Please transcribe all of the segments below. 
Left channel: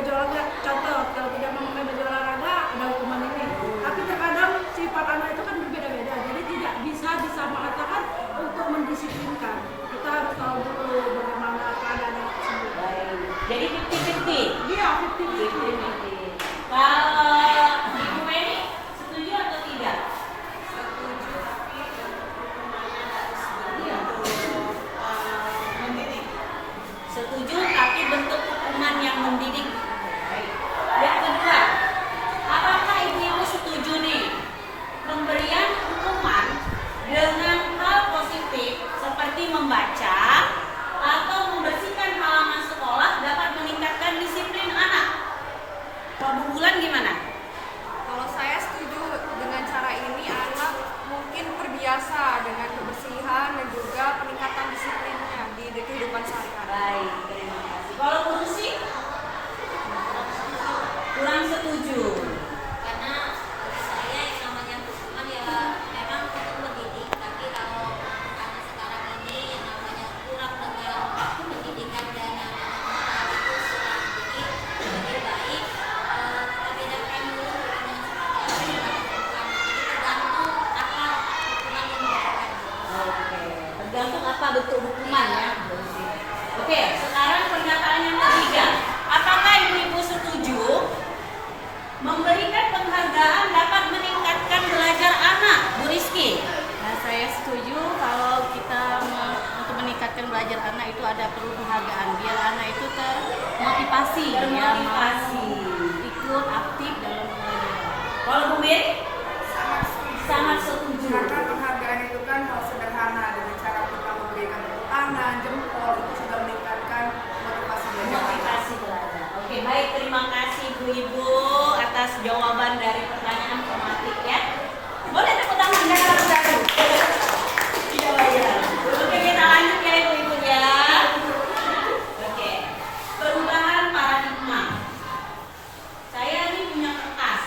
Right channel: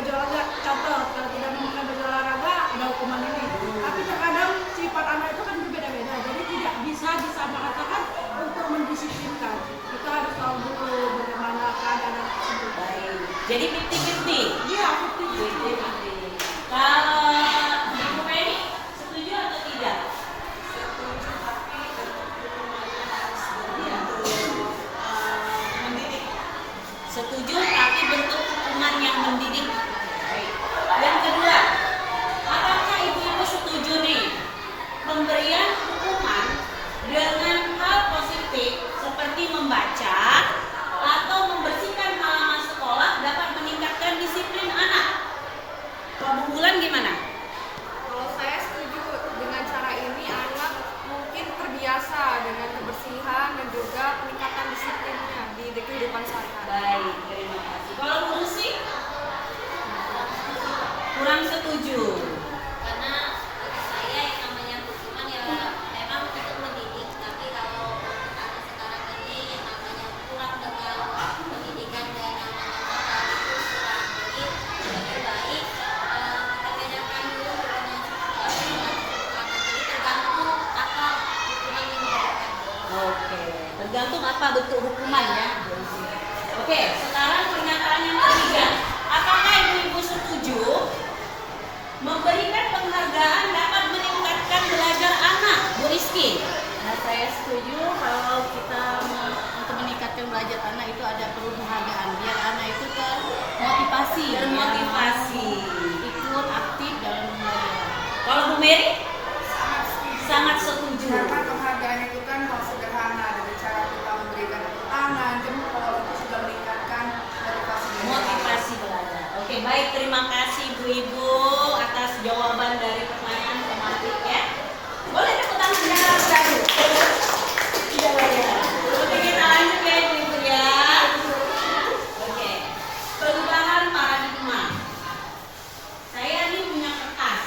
baju olahraga, contoh kalau tidak memakai baju olahraga ada hukuman ini. Tapi terkadang sifat anak itu kan berbeda-beda, jadi tidak bisa disamaratakan untuk mendisiplinkan. Kita harus tahu dulu bagaimana keadaan anak tersebut. Jadi 50-50. Iya, 50-50. Kalau Ibu Penny setuju atau tidak? Setuju, tapi bentuk hukuman yang mendidik. Yang kedua, apakah ibu-ibu setuju nih pemberian hukuman dengan hal positif seperti membaca atau membersihkan halaman sekolah dapat meningkatkan disiplin anak? Pak Bulan gimana? Kalau saya setuju dengan cara ini, anak mungkin terbiasa dengan kebersihan dan juga peningkatan disiplinnya di kehidupan sehari-hari. Baik, terima kasih. Kalau Bu Rusi? Kurang setuju. Karena bagi saya yang namanya hukuman ya memang untuk mendidik, tapi kalau anak sekarang ini yang namanya kurang dengan pendidikan dan namanya moral itu kurang. Jadi lebih baik kita bedakan dulu hukuman seperti apa yang dilakukan. Jadi tergantung apa hukuman yang diberikan. Oke, tergantung apa bentuk hukuman ya. Oke, sekarang pernyataan yang ketiga. Apakah ibu-ibu setuju memberikan penghargaan dapat meningkatkan belajar anak? Bu Rizky? Nah, saya setuju kalau kita untuk meningkatkan belajar anak itu ada perlu penghargaan biar anak itu termotivasi, Termotivasi. mau ikut aktif dalam belajar. Kalau Bu Mary? Sangat setuju. Karena penghargaan itu kan hal sederhana, dengan cara kita memberikan tepuk tangan, jempol itu sudah meningkatkan motivasi belajar. Motivasi belajar. Oke, baik, terima kasih ibu-ibu atas jawaban dari pertanyaan tematik ya. Boleh tepuk tangan ya? Iya, ya. Oke, kita lanjut ya ibu-ibu ya. Oke, perubahan paradigma. Saya ini punya kertas.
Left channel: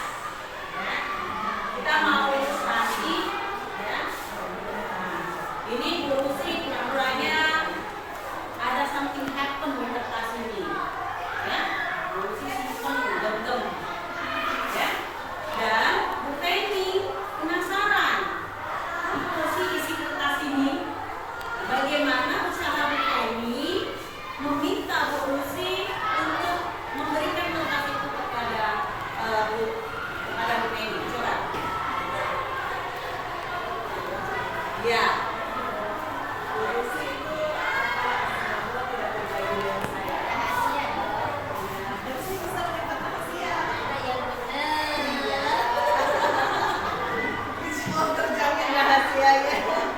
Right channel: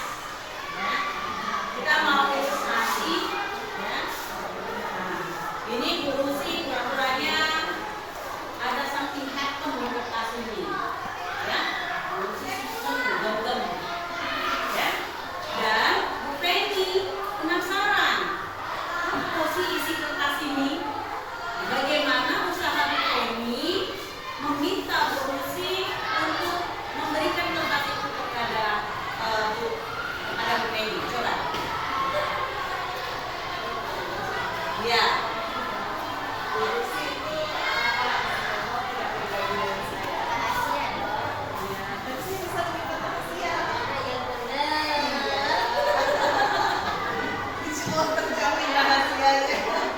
Ya. Kita mau ilustrasi. Ya. Nah, ini Bu Rusi pura-puranya ada something happen di kertas ini. Ya. Bu Rusi simpen gem-gem. Ya. Dan Bu Penny penasaran. Apa sih isi kertas ini? Bagaimana usaha Bu Penny meminta Bu Rusi untuk memberikan kertas itu kepada Bu Penny? Coba. Ya. Bu Rusi itu Rahasia dong.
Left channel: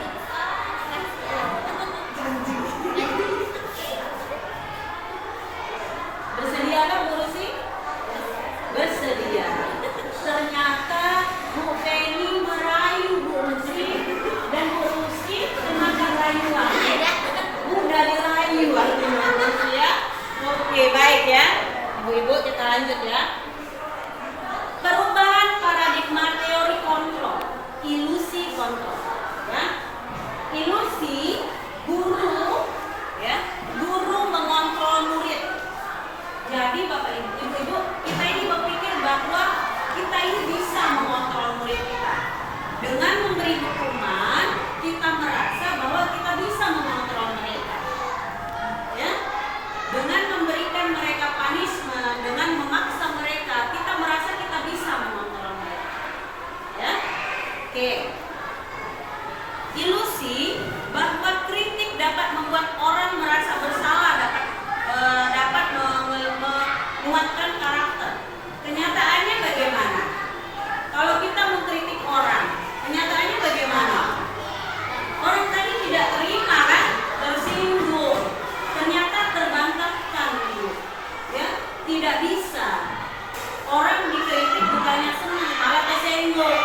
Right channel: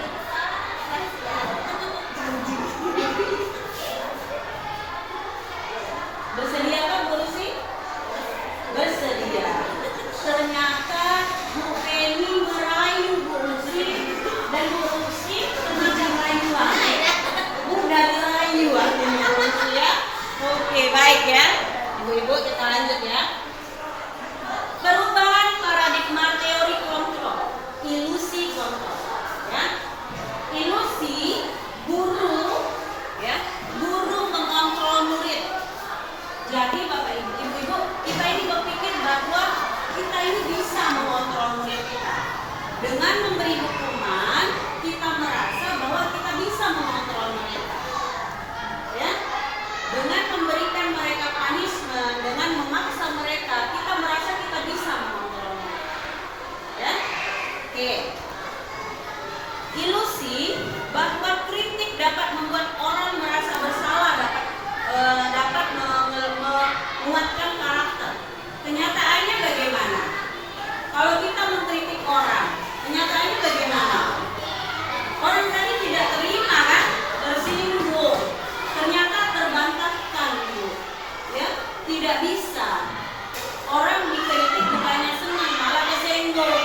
Bersediakah Bu Rusi? Bersedia. Ternyata Bu Penny merayu Bu Rusi dan Bu Rusi semacam rayuan. Mudah dirayu artinya Bu Rusi ya. Oke, baik ya. Ibu-ibu kita lanjut ya. Perubahan paradigma teori kontrol, ilusi kontrol. Ya. Ilusi guru ya, guru mengontrol murid. Jadi Bapak Ibu, Ibu-ibu, kita ini berpikir bahwa kita ini bisa mengontrol murid kita. Dengan memberi hukuman, kita merasa bahwa kita bisa mengontrol mereka. Ya. Dengan memberikan mereka punishment, dengan memaksa mereka, kita merasa kita bisa mengontrol mereka. Ya. Oke. Ilusi bahwa kritik dapat membuat orang merasa bersalah, dapat menguatkan karakter. Kenyataannya bagaimana? Kalau kita mengkritik orang, kenyataannya bagaimana? Orang tadi tidak terima kan? Tersinggung. Ternyata terbantahkan Bu. Ya, tidak bisa. Orang dikritik bukannya senang, malah kesenggol.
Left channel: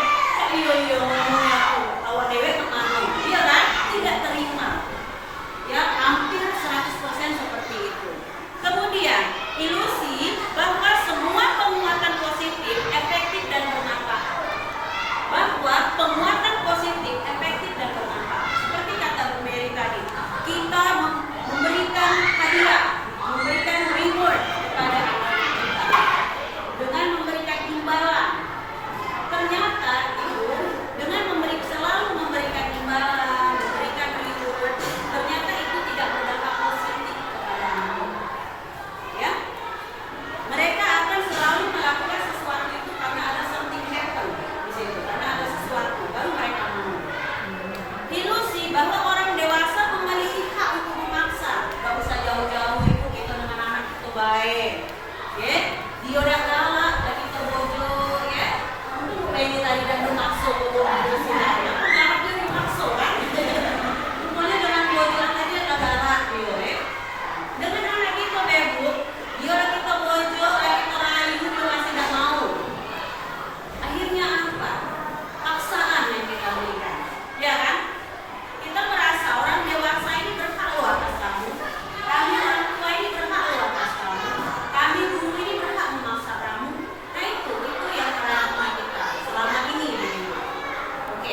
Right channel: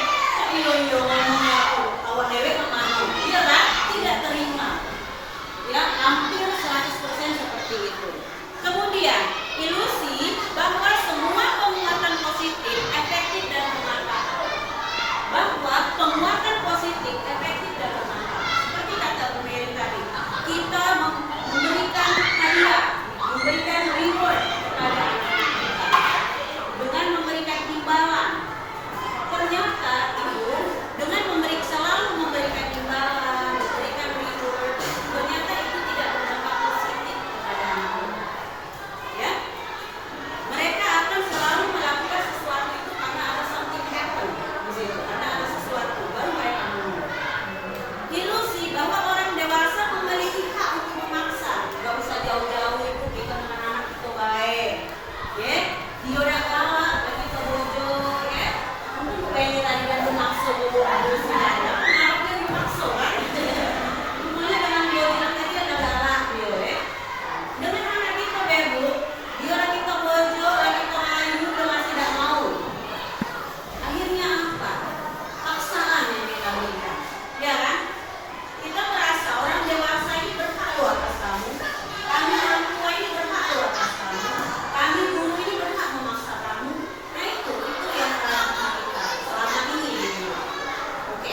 Iyo ngomongnya aku, awak dewe kemana? Iya kan? Tidak terima. Ya, hampir 100% seperti itu. Kemudian, ilusi bahwa semua penguatan positif, efektif dan bermanfaat. Bahwa penguatan positif, efektif dan bermanfaat. Seperti kata Bu Mary tadi, kita memberikan hadiah, memberikan reward kepada anak kita. Harapnya dipaksa kan? Rupanya dengan bojoan tadi ada galak dia. Dengan anak kita bebu, dia lagi kita bojo, lagi kita rayu, dia masih tidak mau. Akhirnya apa? Paksaan yang kita berikan, ya kan? Kita merasa orang dewasa ini berhak loh atas kamu. Kami orang tua ini berhak loh atas kamu. Kami guru ini berhak memaksa kamu. Nah itu yang paradigma kita selama ini. Oke?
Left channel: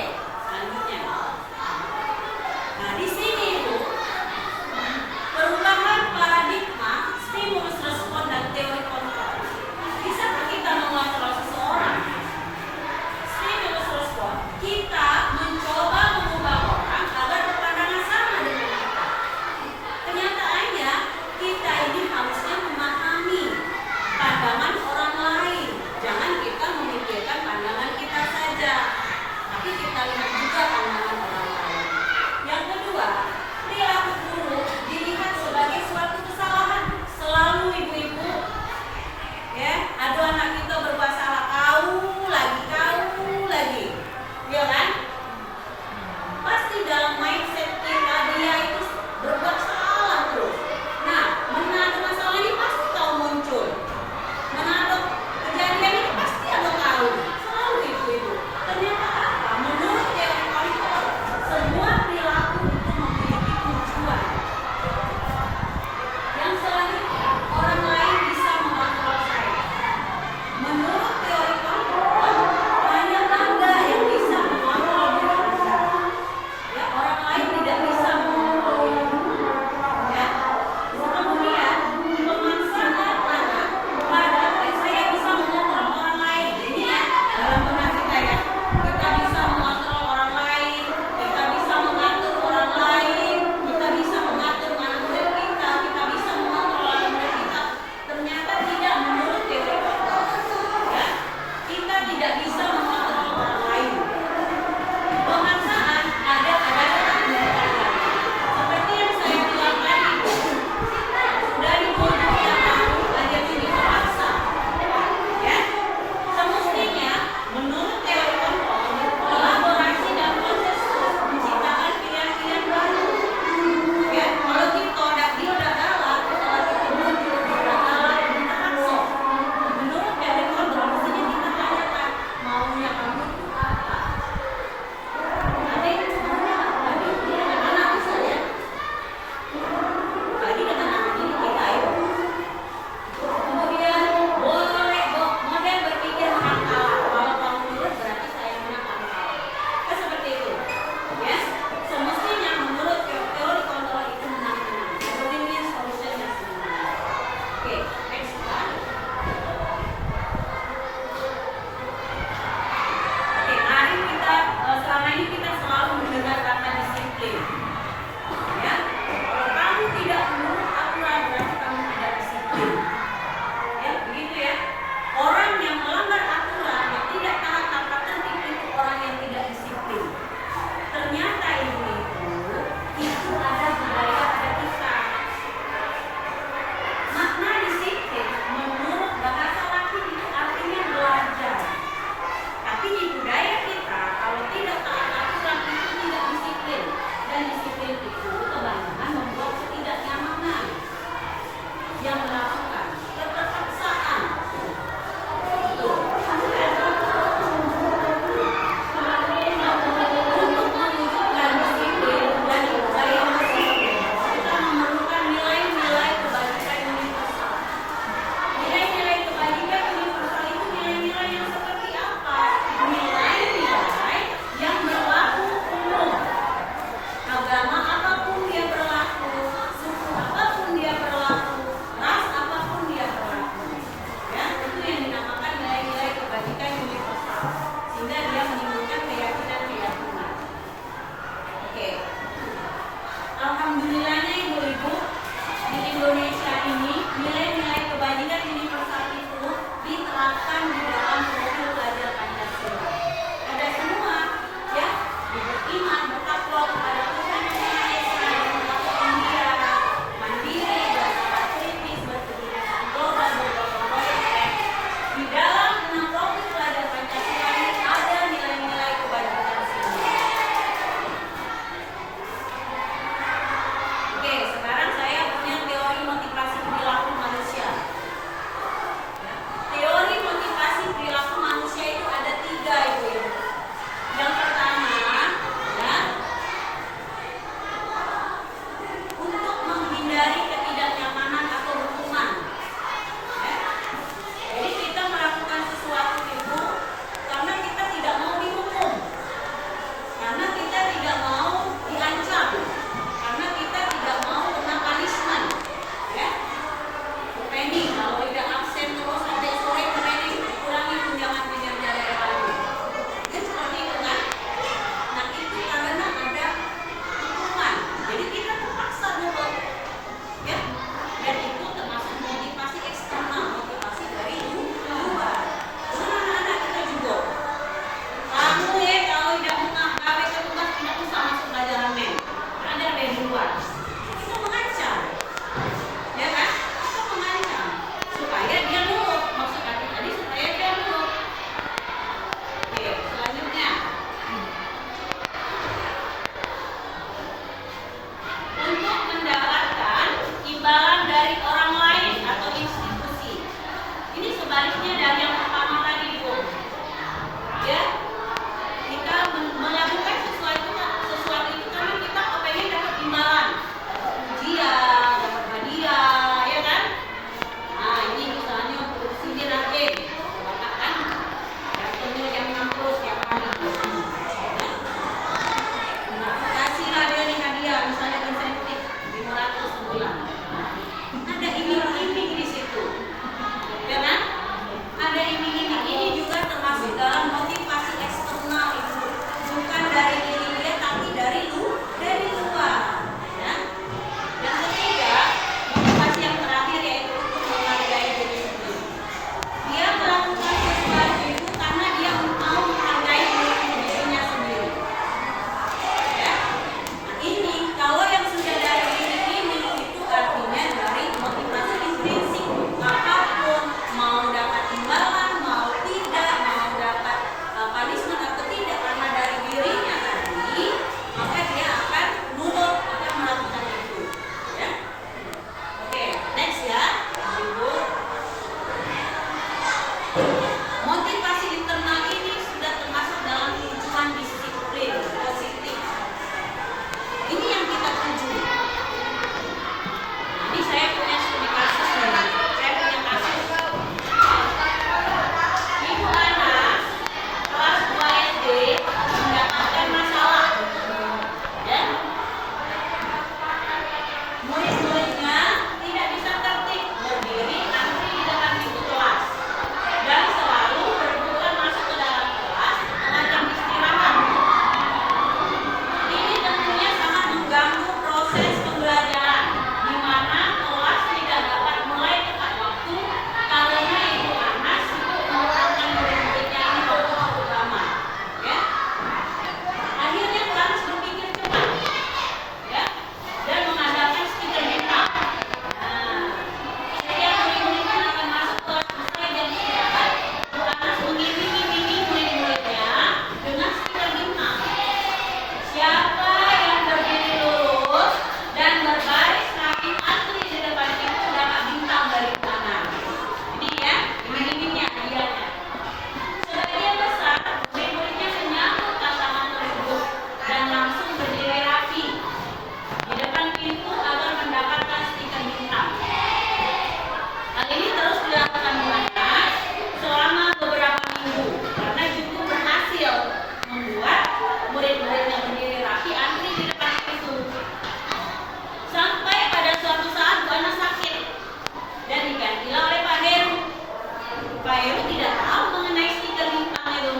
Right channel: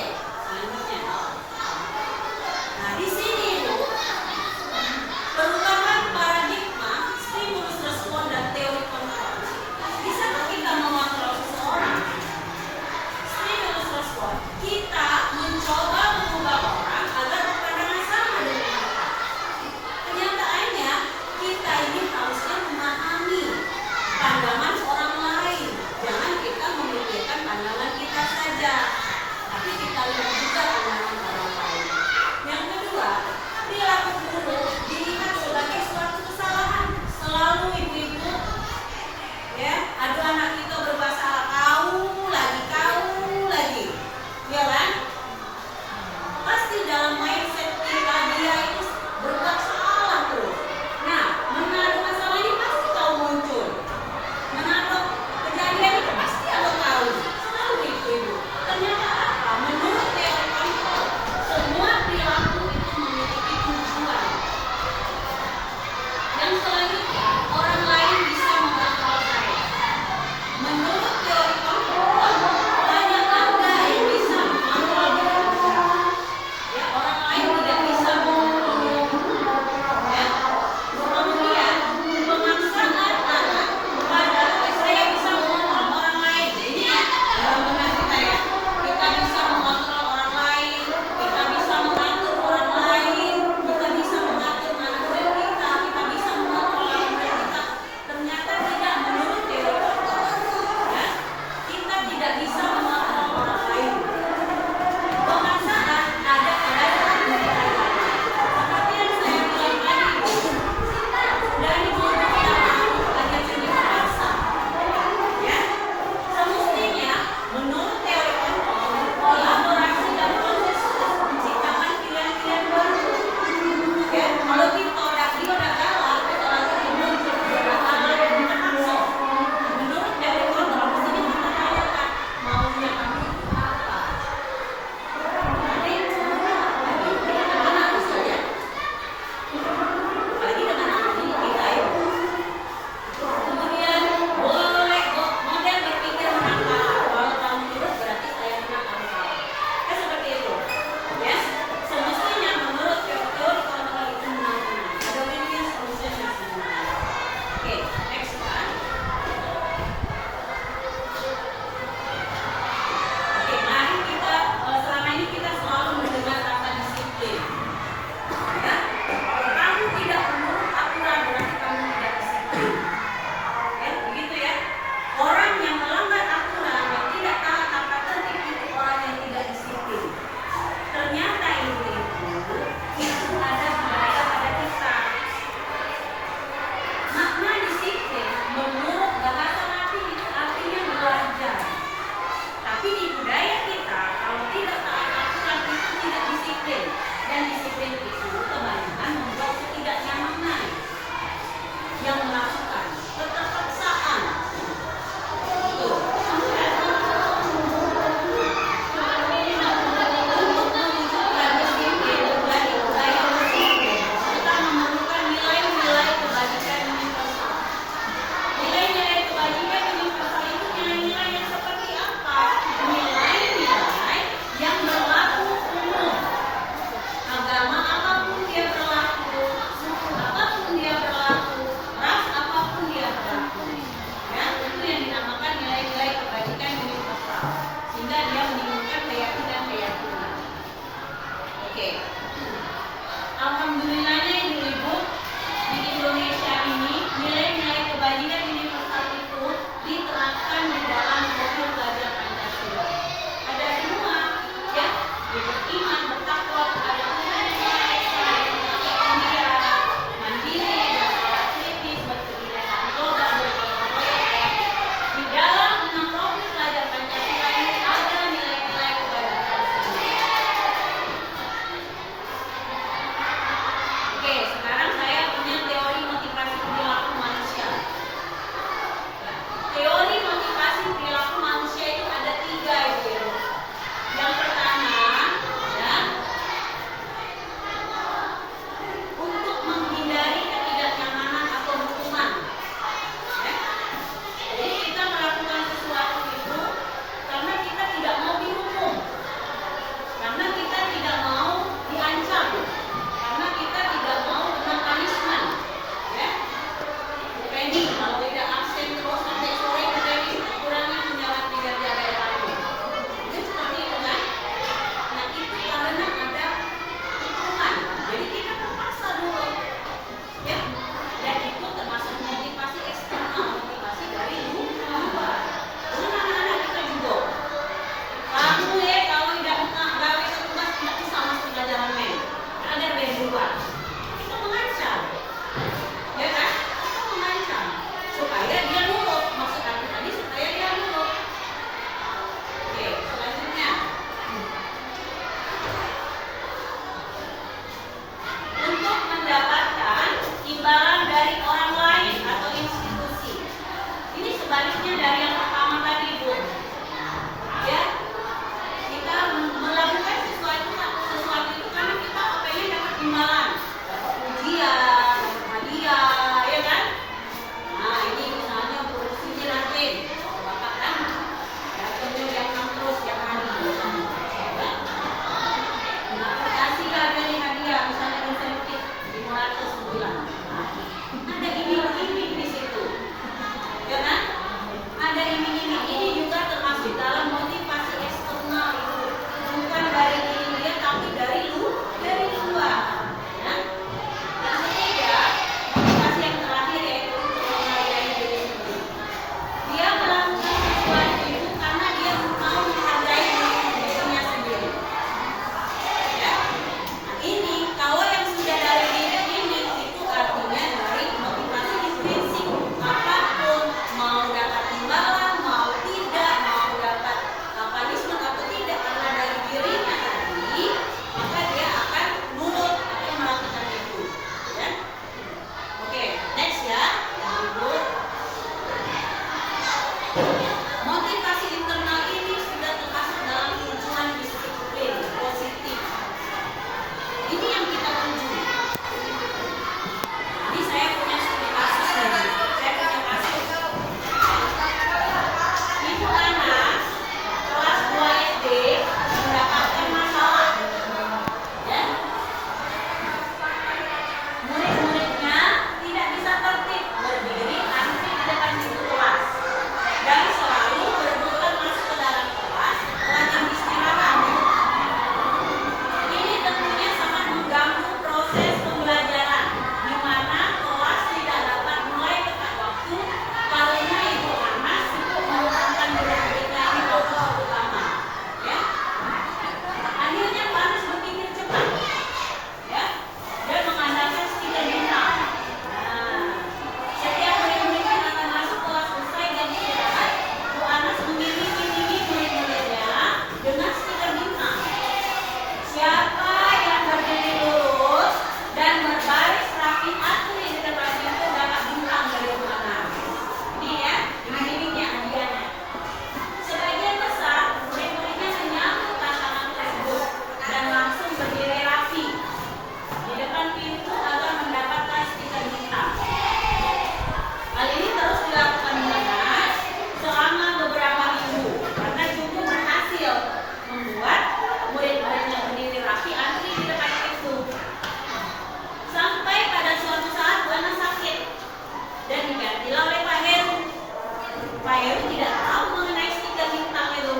Bapak Heru tidak tahu mengenai stiker bintang itu.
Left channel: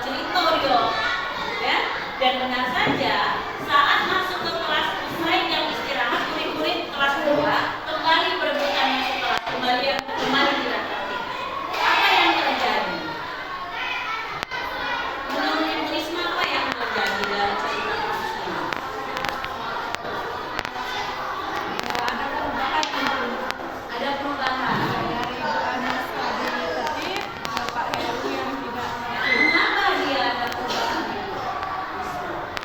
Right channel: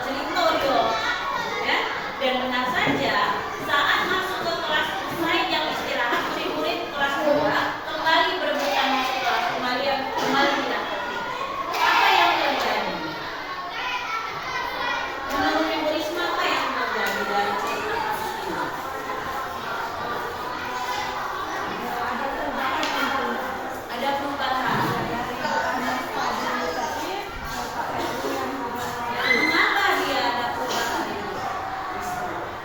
Cerita dia, ya. Dan benar saja saat masuk ke kelas usai jam istirahat, murid-murid kelas 2 kembali berebutan masuk kelas, kembali tidak tertib. Apa yang terjadi? Menurut Ibu Risma, apa yang terjadi dari cerita kasus ini? Ada perubahan tentu. Ada perubahan. Dari anak tadi tertib ke Pak Heru yang tidak tertib. Mengapa dia ada perubahan?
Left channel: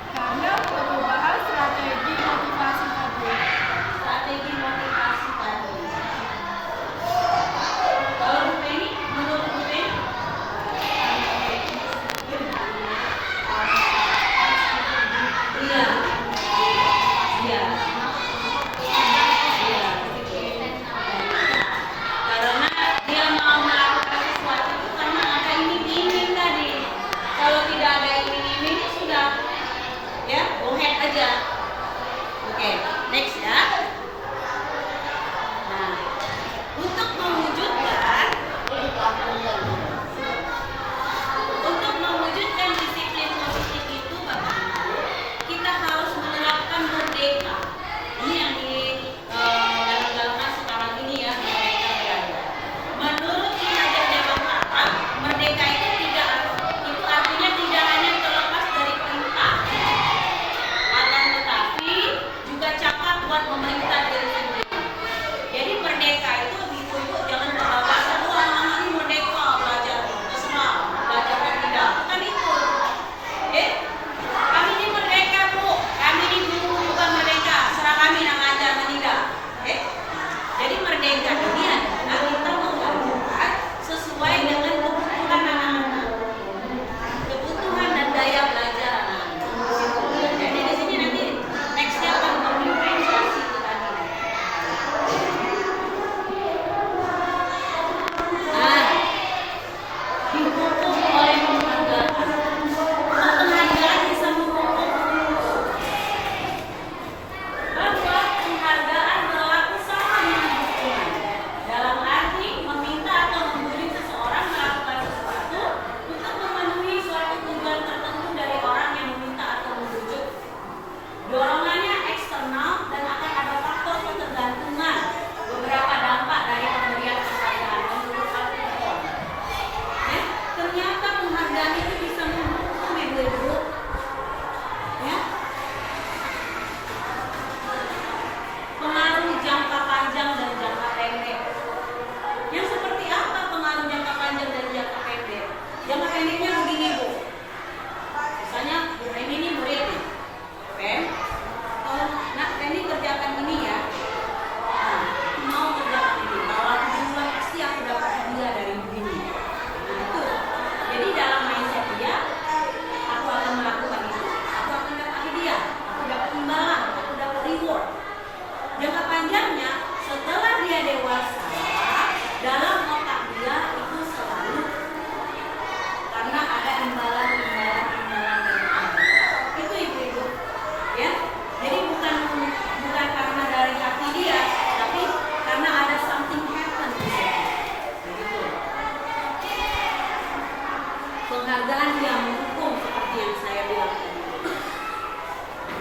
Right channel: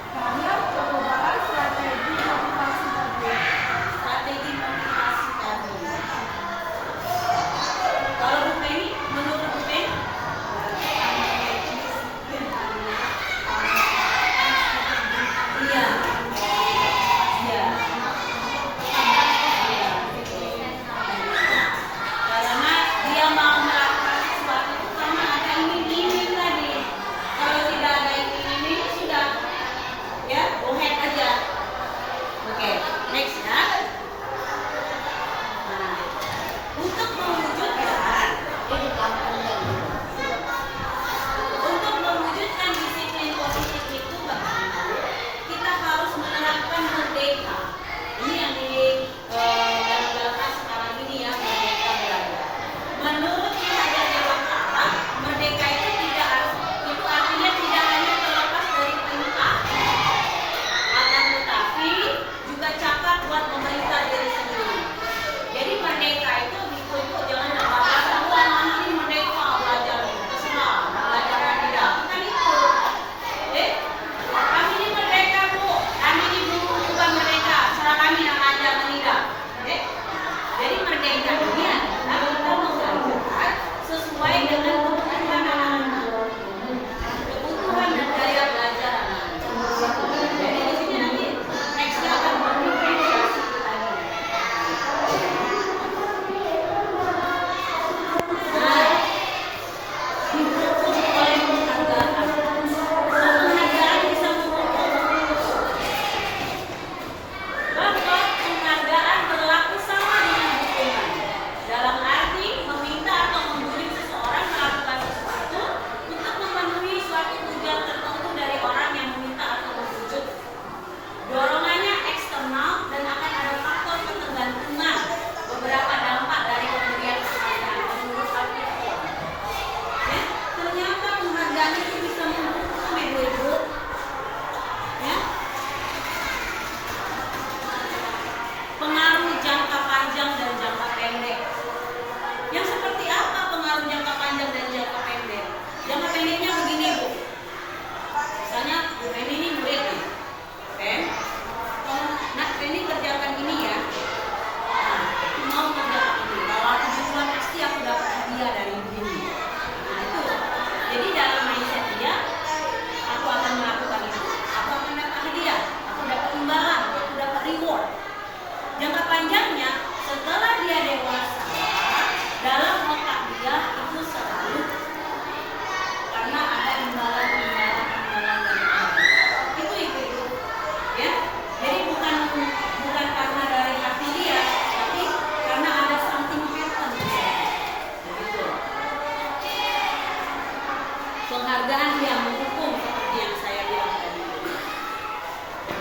Karena perubahan strategi motivasi tadi. Strategi motivasi tadi. Kalau Bu Penny, menurut Bu Penny? Iya. Iya. Karena dia mau melakukan sesuatu itu karena ada iming-iming tadi. Kalau tidak ada iming-iming sudah ya go ahead aja. Oke, next ya. Nah, untuk mewujudkan disiplin positif itu bagaimana? Kita harus menerapkan merdeka. Ini yang digalak-galakkan sekarang ini ya, merdeka belajar. Menurut Ki Hajar Dewantara, merdeka itu artinya tidak hanya terlepas dari perintah, akan tetapi juga cakap buat memerintah diri sendiri. Jadi merdeka itu dituntut jangan bahasa anak ini merdeka belajar terserah belajar dan tidak bukan itu. Kami ini merdeka Bu, kami ini guru bukan merdeka, serah kami yang ngajar menikah. Jadi merdeka ini adalah kita mengajarkan sesuai dengan kebutuhan anak-anak, kebutuhan dan daya belajar anak-anak. Jadi di sini nanti nextnya akan berdifferensiasi itu tadi. Nah, dihukum oleh penghargaan. Penghargaan bisa menghukum bahwa penghargaan berlaku sama dengan hukuman. Dalam arti meminta atau membuli seseorang melakukan sesuatu untuk memenuhi suatu tujuan tertentu dari orang yang meminta atau membujuk. Dorongannya eksternal dan akan ada faktor ketergantungan. Beberapa dampak dari pemberian penghargaan menurut Alkitab. Ya, ternyata penghargaan itu bisa menghukum ibu-ibu. Ya. Pengaruh jangka panjang dan jangka pendek. Yang seperti apa pengaruh jangka panjang dan jangka pendek? Jangka pendeknya begini Bu. Misalnya Bu Penny ini muridnya. Pen, kalau nak Penny kerjakan ini ya. Nah, aku mau kerjakan ini. Kalau aku duluan pasti aku dapat hadiah dari ibu ini. Nah itu. Jadi dalam mindset dia, aku akan melakukan itu, aku akan dapat hadiah, aku dapat imbalan, aku dapat reward. Jangka panjangnya, setelah dia dewasa, dalam otak dia itu selalu karena ada imbalan dari Tuhan. Itu ibu-ibu, ya. Jadi bukan karena dari hati dia, tapi karena ada something happen di sana. Begitu. Penghargaan yang menghukum seperti yang saya bilang tadi.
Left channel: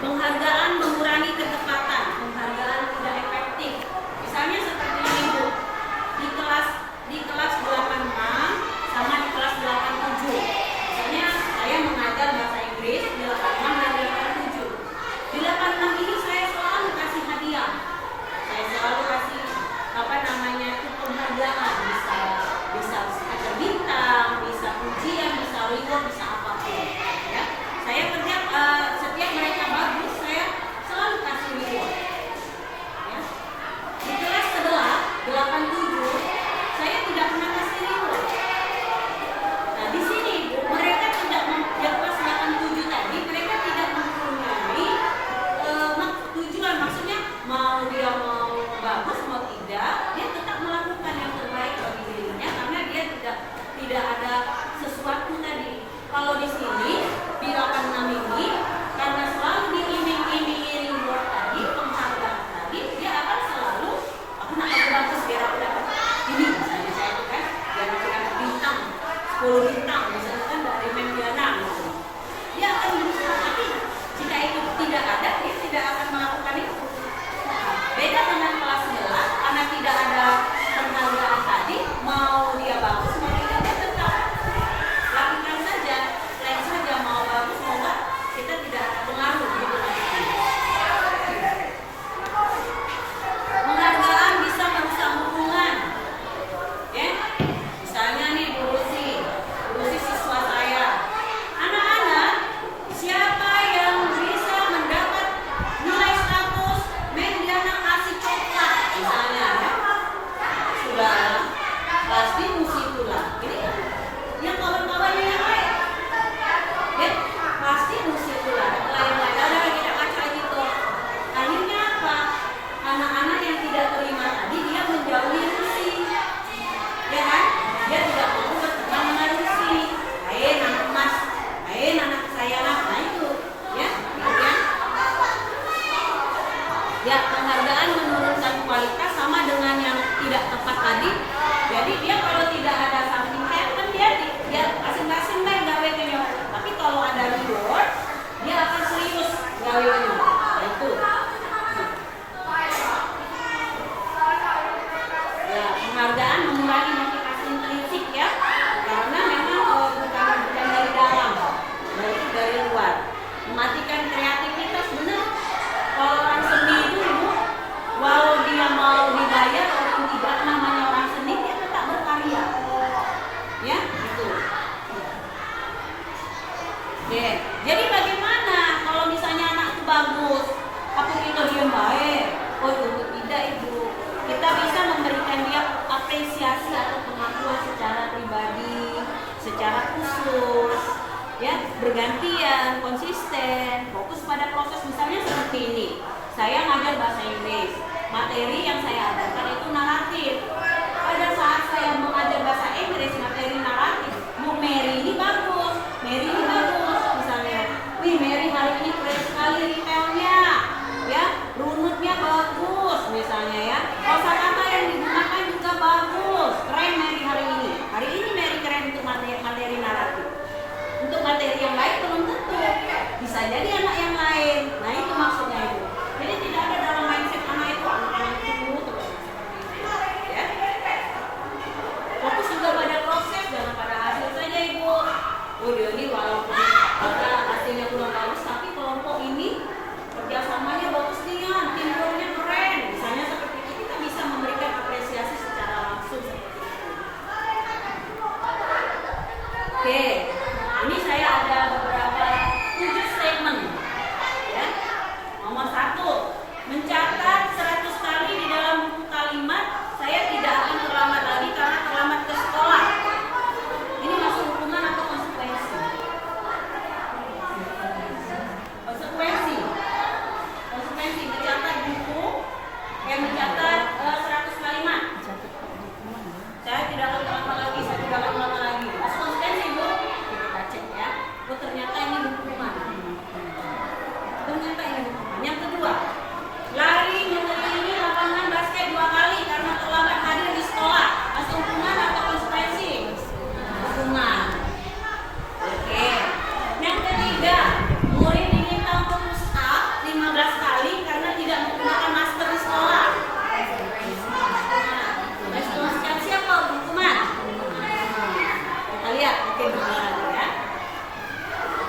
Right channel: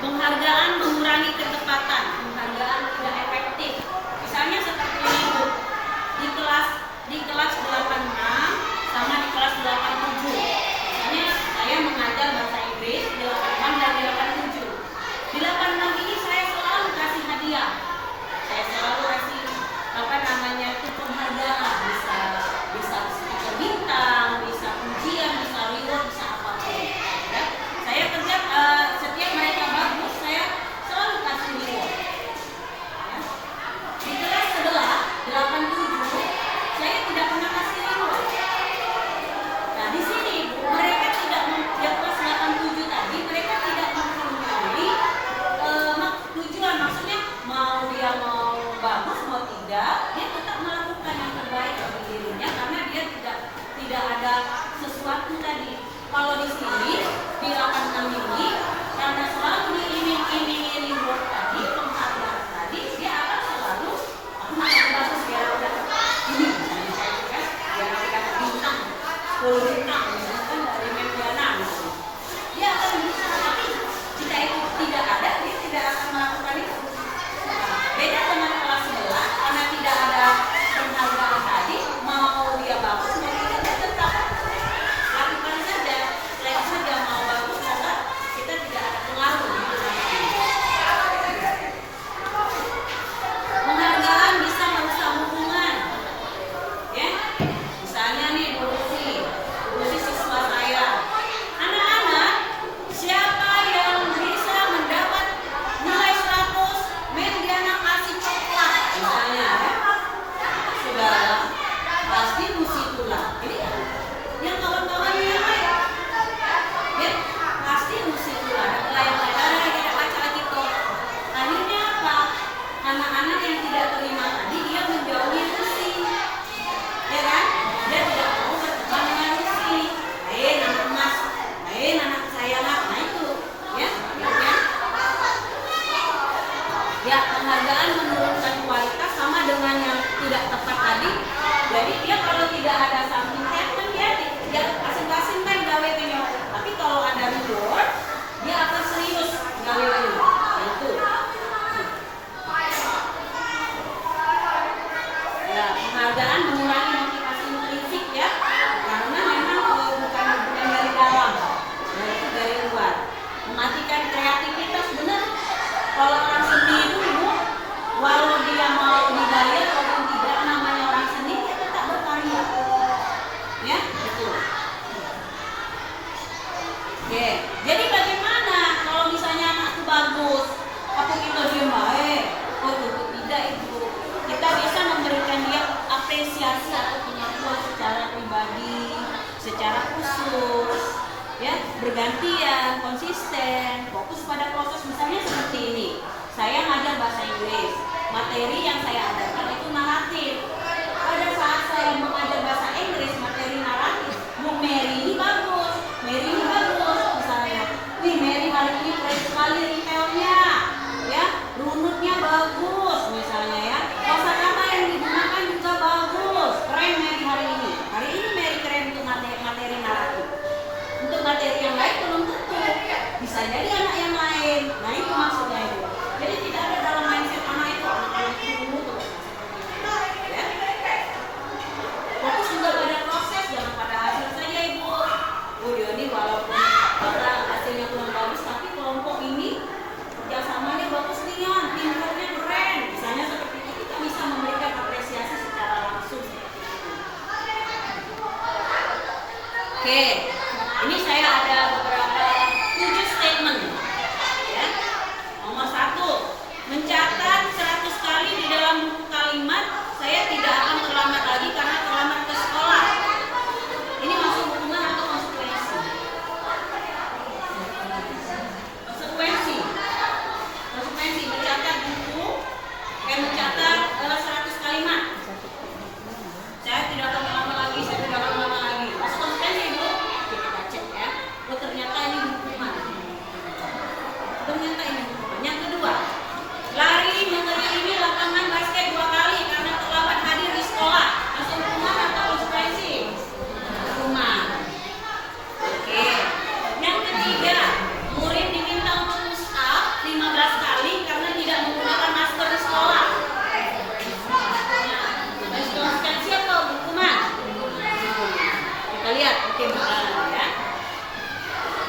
Penghargaan mengurangi ketepatan, penghargaan tidak efektif. Misalnya seperti ini Bu, di kelas 86 sama di kelas 87. Misalnya saya mengajar bahasa Inggris di 86 dan di 87. Di 86 ini saya selalu kasih hadiah. Saya selalu kasih itu penghargaan, bisa stiker bintang, bisa pujian, bisa reward, bisa apapun. Ya. Saya kerja setiap mereka bagus, saya selalu kasih reward. Ya. Di kelas sebelah 87, saya tidak pernah kasih reward. Nah di sini mereka tidak yang kelas 87 tadi mereka tidak mempunyai tujuan, maksudnya dia mau bagus mau tidak, dia tetap melakukan yang terbaik bagi dirinya karena dia tidak ada sesuatu tadi. Kalau di sini di 86 ini karena selalu diiming-imingi reward tadi, penghargaan tadi, dia akan selalu aku nak bagus biar aku dapat ini, misalnya saya kan biar aku dapat buat secara pribadi, secara khusus, ya, bergantian, konsisten, fokus pada proses. Misalnya seperti ini, saya ngajar bahasa Inggris, materi yang saya ajarkan itu naratif. Pada saat saya mengajar bahasa Inggris materi naratif, Bu Mary ini bagus, misalnya, wih Mary hari ini keren sekali detailnya, ya, runutnya bagus, misalnya ya, kosakata yang digunakan juga bagus, keren Mary hari ini Mary keren untuk materi naratif. Untuk materi yang lain belum tentu, bisa jadi anak yang lain. Nah itu maksudnya itu. Jadi tidak ada dalam mindset anak itu terus ya. Fokus juga pada proses, jangan pada hasil saja ibu. Oh ya ini walaupun hasilnya kurang bagus, tapi kelompok ini kerjasamanya bagus nih ya, teamworknya keren. Misalnya seperti itu kita bisa memberikan apresiasi secara langsung. Oke. Ini saya ada beberapa 7 statement. Ya. Nomor 1, mencatat 100 kali di dalam buku kalimat, saya tidak akan terlambat lagi karena terlambat ke sekolah. Ini masuk hukuman atau konsekuensi? Konsekuensi mencatat buku, mencatat 100 kalimat. Saya tidak akan terlambat lagi, Masuk konsekuensi Bu. Oh ternyata ini hukuman. Yang kedua, lari mengelilingi lapangan basket 2 kali karena terlambat hadir di sekolah. Masuk hukuman atau konsekuensi? Hukuman. Oke. Yang ketiga, murid diminta untuk push up 15 kali karena tidak menggunakan masker di sekolah. Konsekuensi apa? Hukuman. Kita lihat. Oke, benar ya.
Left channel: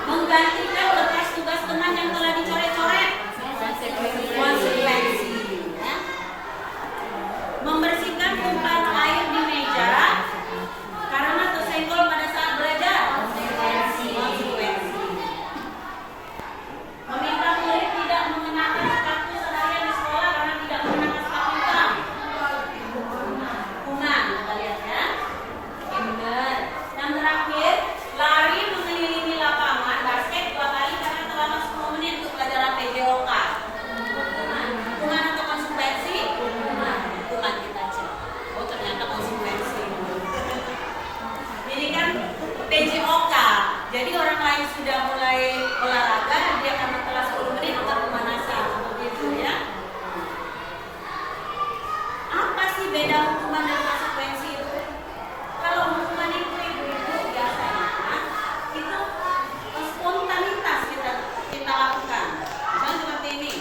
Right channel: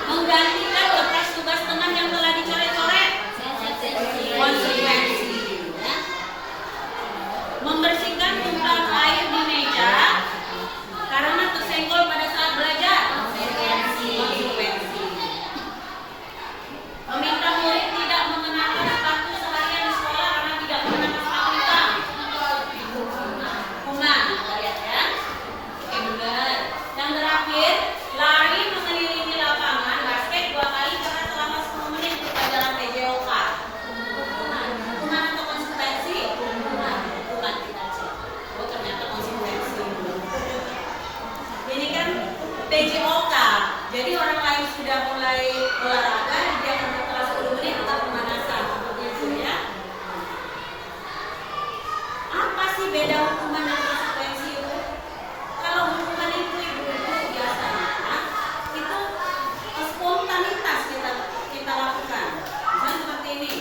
Menggantikan lepas tugas teman yang telah dicoret-coret, konsekuensi ya. Membersihkan tumpahan air di meja karena tersenggol pada saat belajar, konsekuensi. Meminta murid tidak mengenakan sepatu seharian di sekolah karena tidak mengenakan sepatu hitam, hukuman. Kita lihat ya. Oke benar. Yang terakhir, lari mengelilingi lapangan basket 2 kali karena selama 10 menit untuk pelajaran PJOK. Hukuman atau konsekuensi? Hukuman kita cek. Oh ternyata konsekuensi. Ini kan PJOK. Jadi orang lain sudah mulai olahraga, dia karena kelas 10 menit tetap pemanasan. Seperti itu ya. Apa sih beda hukuman dan konsekuensi itu? Kalau hukuman itu biasanya itu spontanitas kita lakukan. Misalnya seperti ini,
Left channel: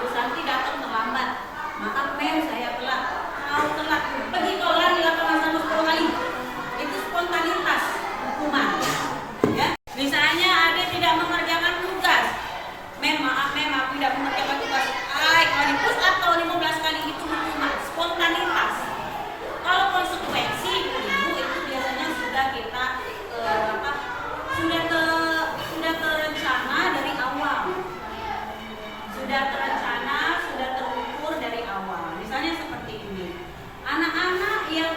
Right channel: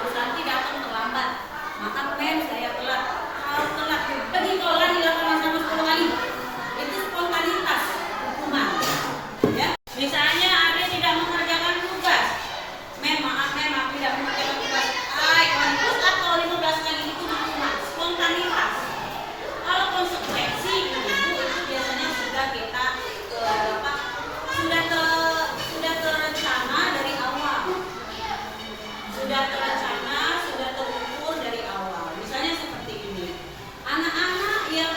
Bu Santi datang terlambat, maka saya telat. Kalau telat, pergi kau lari 8 sampai 10 kali. Itu spontanitas hukuman. Ya, misalnya ada tidak mengerjakan tugas, maaf aku tidak mengerjakan tugas. Kau push up kalau 15 kali itu hukuman, spontanitas. Kalau konsekuensi ibu itu biasanya sudah kita sudah terencana dari awal, sudah terukur dari awal. Misalnya seperti ini, anak-anak yang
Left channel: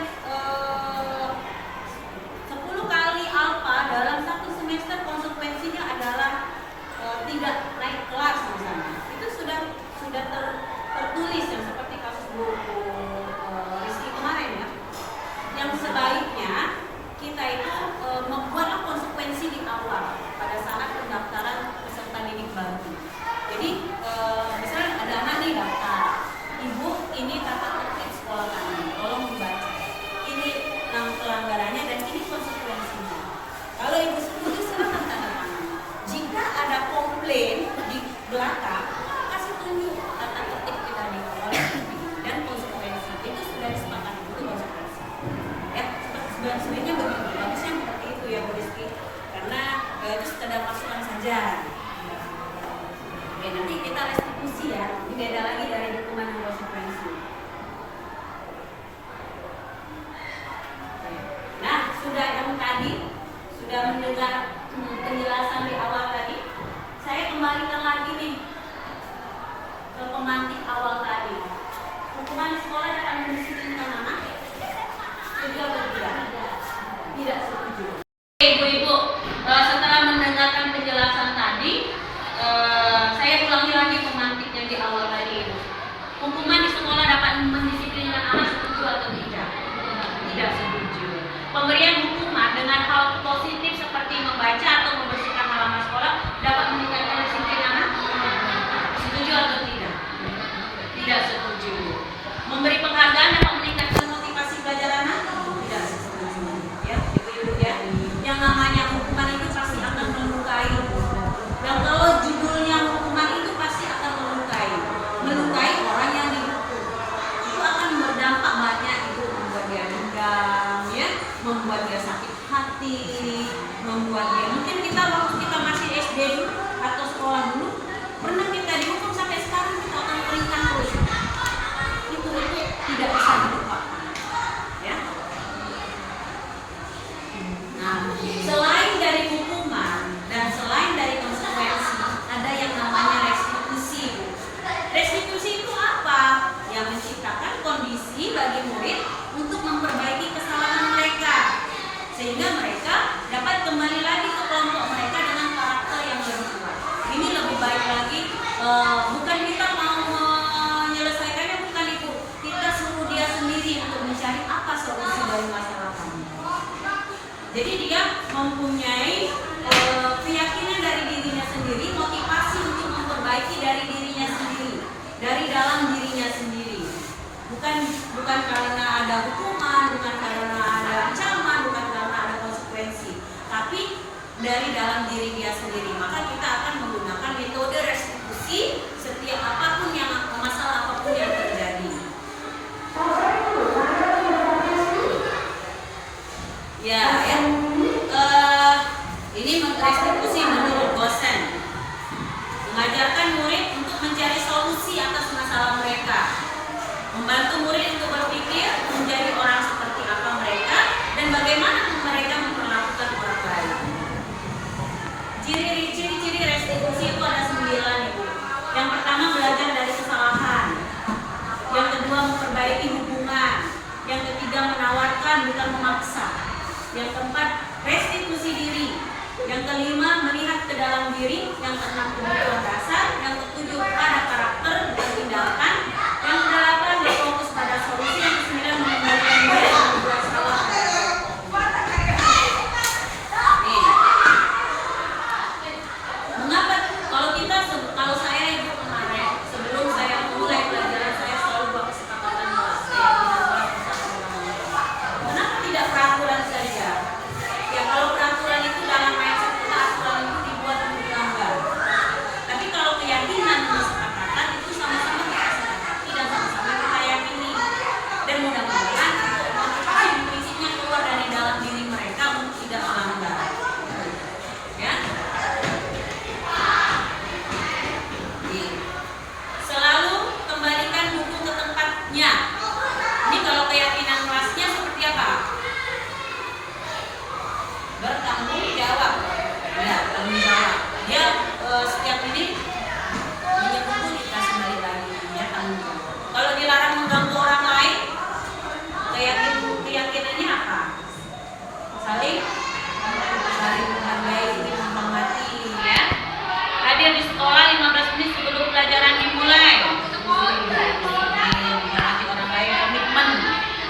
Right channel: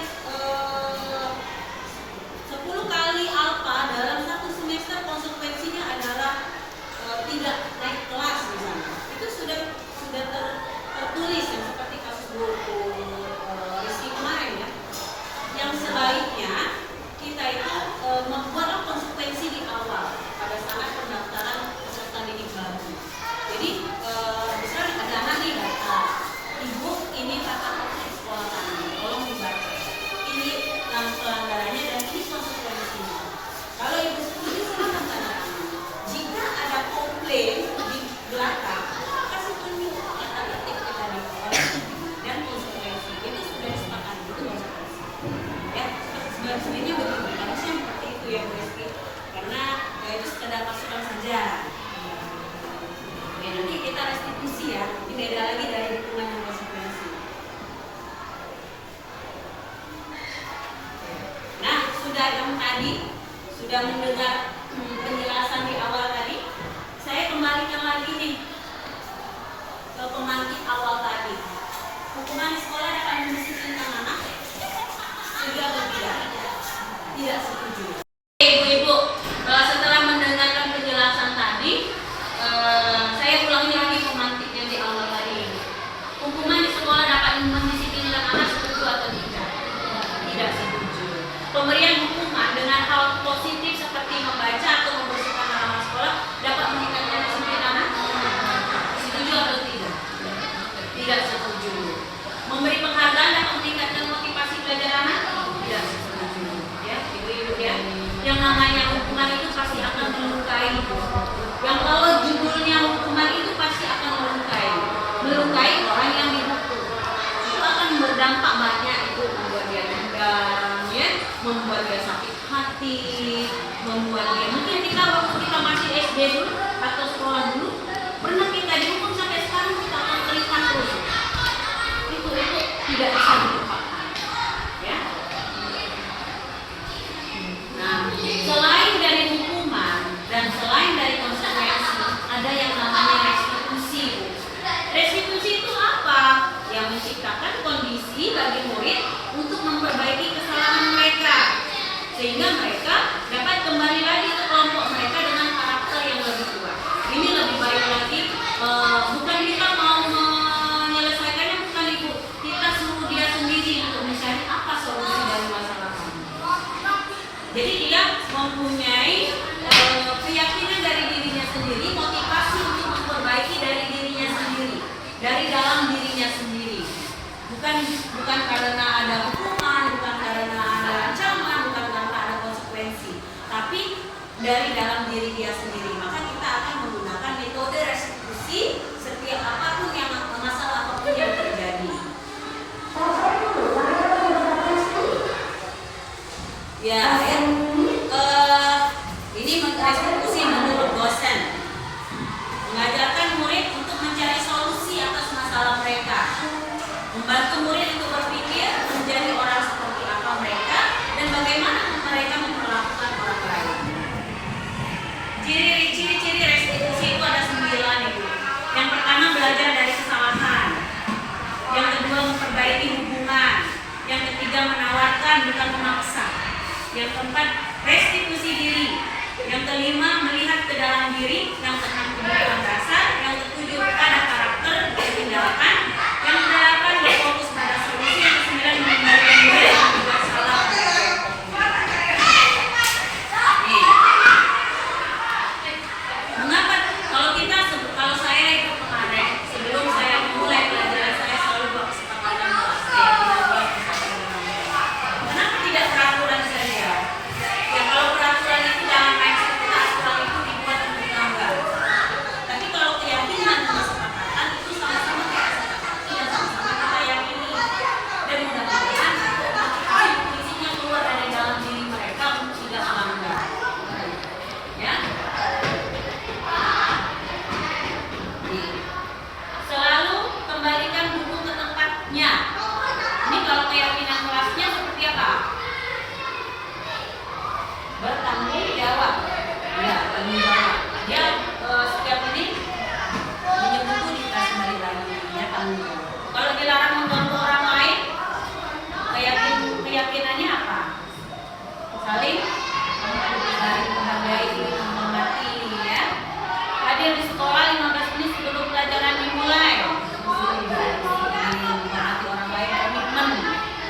10 kali alfa dalam 1 semester konsekuensinya adalah tidak naik kelas misalnya. Itu sudah tertulis yang seperti kasus buku Rizky kemarin ya. Yang sebaiknya kita itu membuatlah konsekuensi di awal pada saat pendaftaran peserta didik baru. Jadi misalnya ada anak nih daftar, ibu ini tata tertib sekolah kami, tolong dibaca. Ini pelanggarannya dan ini konsekuensinya. Kalau ibu setuju silakan tanda tangan. Jika ada komplain di belakang, kasih tunjuk tata tertib kita di awal dan konsekuensi. Itu sudah disepakati, itu konsekuensi. Ya, sebenarnya begitu. Bagusnya seperti itu ya Bu Rizky. Karena itu sekedar masukan saja. Oke, nanti kita restitusi ya. Ini beda lagi dari hukuman dan konsekuensi. Nah, sudah yang tadi, sudah mendengar penjelasan di awal tadi. Saya kembalikan lagi nih ke pemantik awal tadi. Hukuman di sekolah dapat mendisiplinkan anak. membuat dia sakit hati, membuat dia mungkin kita waktu kita masih SD dulu atau sekolah dulu pernah kita dihukum sampai sekarang kita akan terlihat terus. Itu tidak bisa dilupakan, ya. Nah, selain dari hukuman dan selain dari konsekuensi, ada yang namanya restitusi. Restitusi itu apa? Yang menciptakan kondisi bagi murid untuk memperbaiki kesalahan mereka, sehingga mereka dapat kembali lagi ke kelompok mereka dengan karakter yang lebih kuat. Ini lebih baik lagi, bukan kita mau menyelesaikannya, kita suruh dia sendiri untuk mencari apa solusi dari masalah kamu. Jadi dia mempunyai keyakinan dari dirinya sendiri, motivasi untuk memperbaiki dari dirinya sendiri, dari dalam dirinya sendiri. Bukan karena ada hukuman, bukan karena ada ancaman, bukan karena ada konsekuensi, tapi dari dalam diri dia sendiri. Maka kita akan menggunakan metode restitusi setiap apapun yang masalah apapun yang terjadi. Ini restitusi menurut dosen, mengajarkan murid untuk mencari solusi atas masalah mereka, membantu murid untuk berpikir menjadi orang seperti apa mereka dan bagaimana mereka memperlakukan orang lain. Ciri-ciri restitusi itu ada 9, Ibu. Yang pertama, belajar dari kesalahan. Yang kedua, memperbaiki hubungan. Yang ketiga, menawarkan bukan memaksa. Yang keempat, restitusi diri. Yang kelima, melihat ke dalam diri. Yang keenam, kebutuhan dasar. Yang ketujuh, ada karakter dan tindakan. Yang kedelapan, berfokus pada solusi. Yang kesembilan, mengembalikan diri yang berbuat salah. Mengapa kalau saya itu kemarin sebelum saya mulai pelajaran saya selalu buat kesepakatan kenapa tidak peraturan saja? Ya kalau peraturan itu dalam mindset kita, aturan itu dibuat untuk dilanggar. Tapi kalau keyakinan dan kesepakatan itu sama-sama kita sepakati dan sama-sama kita yakini. Dan mudah-mudahan itu prinsipnya keluar dari dalam diri mereka untuk tidak melanggar. Ya. Selalu kembalikan buku ke tempatnya. Ini kalau keyakinan kelasnya seperti apa? Bertanggung jawab. Ya, tanggung jawab. Dia setiap ini pinjam buku dikasih balik lagi. Ya, tanggung jawab. Kalau dilarang mengganggu orang lain, keyakinannya apa? Saling menghargai, menghormati, ya. Hadir di sekolah 15 menit sebelum pelajaran dimulai. Menghormati orang lain,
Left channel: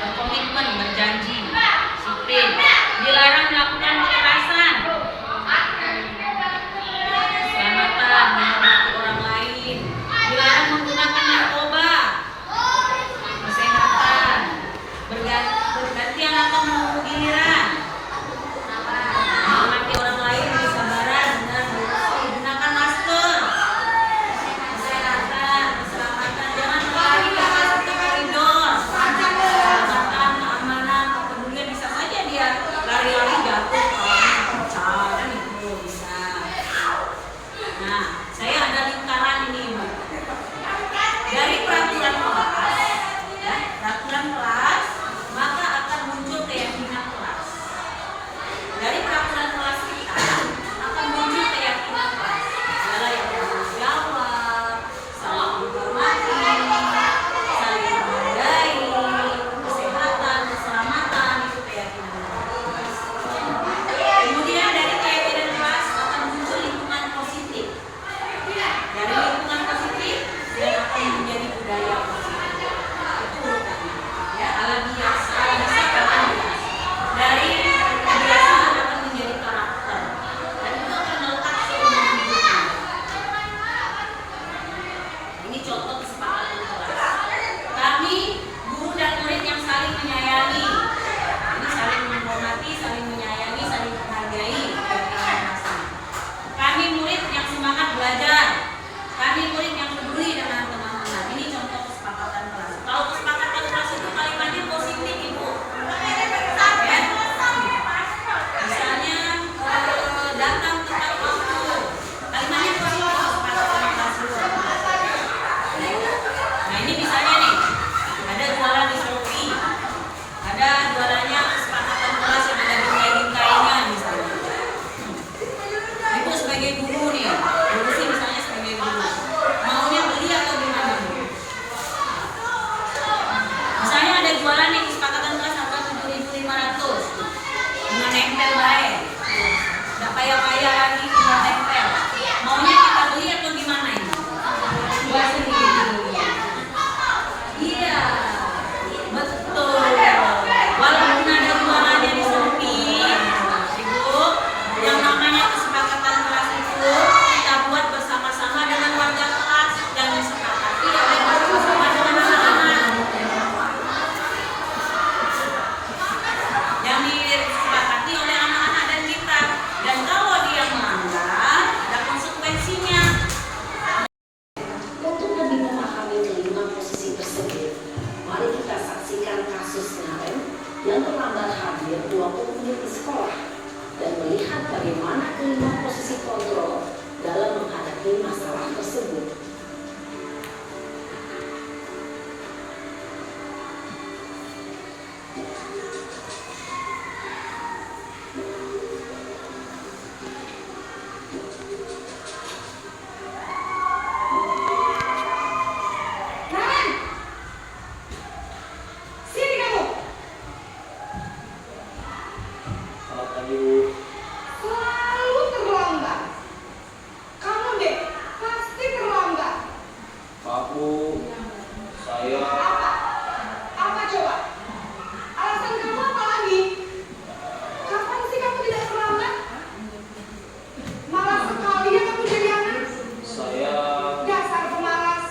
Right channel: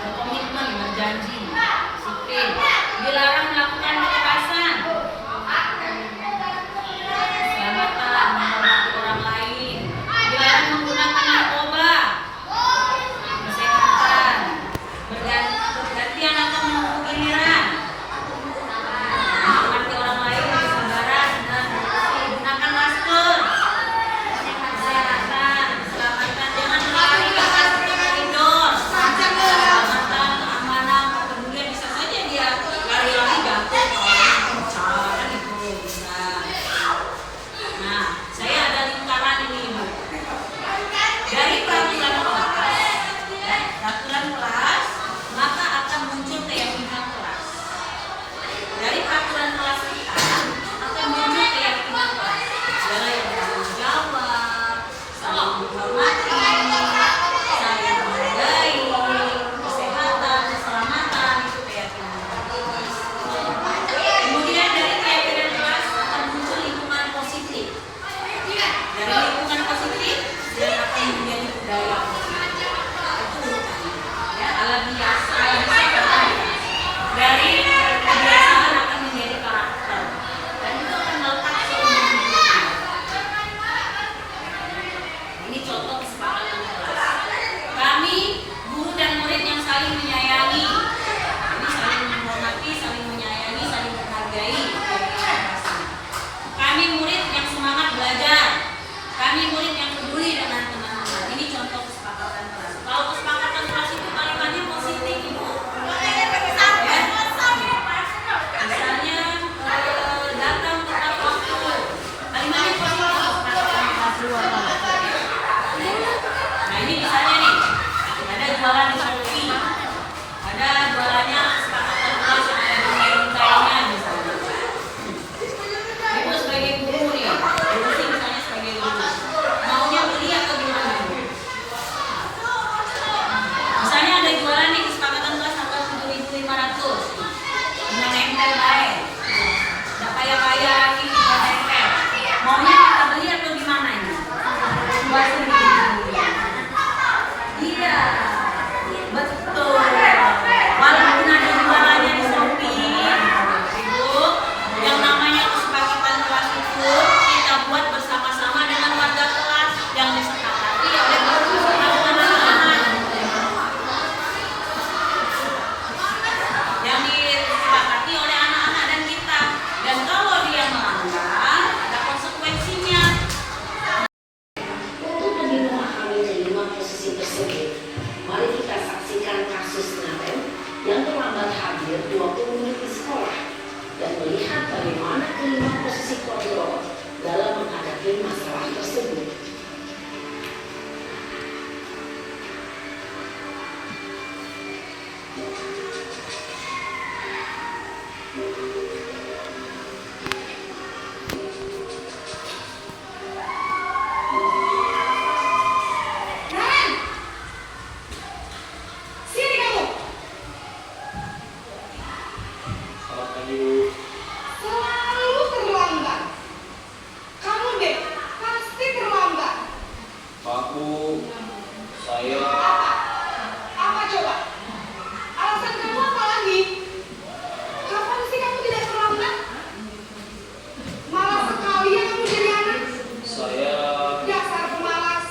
berkomitmen, berjanji, disiplin. Dilarang melakukan kekerasan. Keselamatan, menghormati orang lain. Dilarang menggunakan narkoba. Kesehatan, bergantian atau menunggu giliran. Menghormati orang lain, kesabaran dan gunakan masker. Kesehatan, keselamatan, jangan berlari masuk ke koridor. Keselamatan, keamanan, ditaati oleh anak-anak dan kita. Dan kalau dia melanggar, ada konsekuensinya. Untuk lebih memahami kelima posisi tersebut, mari kita saksikan kasus Naren yang terlambat hadir 20 menit di sekolah dan melihat bagaimana kelima posisi kontrol dalam menghadapi masalah tersebut. Selalu terlambat. Kamu deh, pasti terlambat. Saya Apa? Apa coba? Alasan kamu apa lagi? Kapan sih kamu tidak terlambat? Malas sekali ya kamu jadi anak. Dasar pemalas.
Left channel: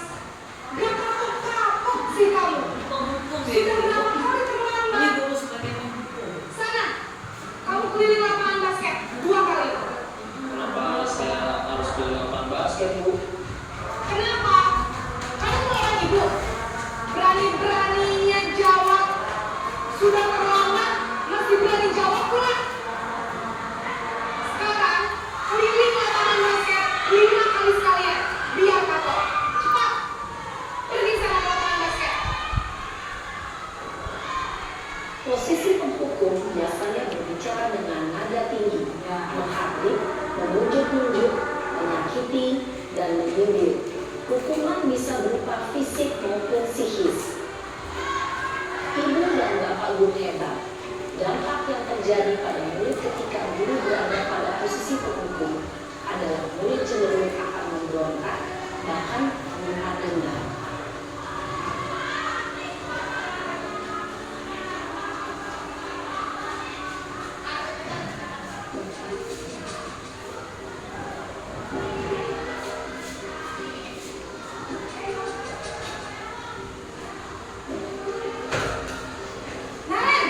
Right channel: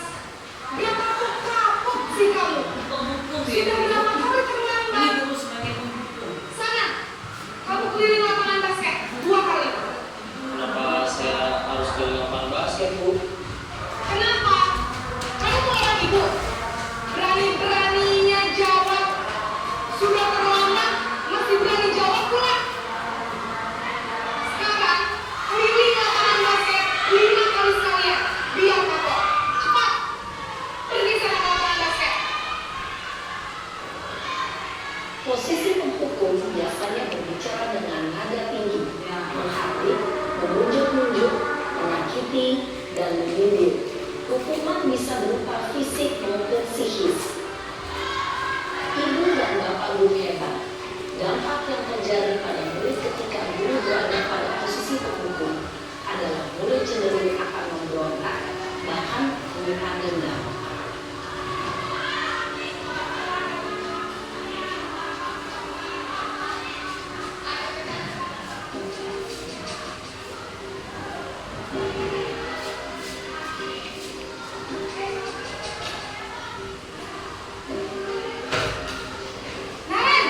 Gak kapok-kapok sih kamu. Sudah berapa kali terlambat? Sana, kamu keliling lapangan basket 2 kali. Kenapa saya harus keliling lapangan basket, Bu? Kenapa? Kamu melawan ibu. Berani-beraninya jawab. Sudah terlambat, masih berani jawab pula. Sekarang, keliling lapangan basket 5 kali sekalian. Biar kapok. Cepat. Pergi sana ke lapangan basket. Posisi penghukum biasanya berbicara dengan nada tinggi, menghardik, menunjuk-nunjuk, menyakiti, dan menyindir. Hukuman bisa berupa fisik maupun psikis. Ibu dan bapak guru hebat. Dampak yang terjadi pada murid ketika guru berada pada posisi penghukum adalah murid cenderung akan memberontak, bahkan meminta dendam. Naren!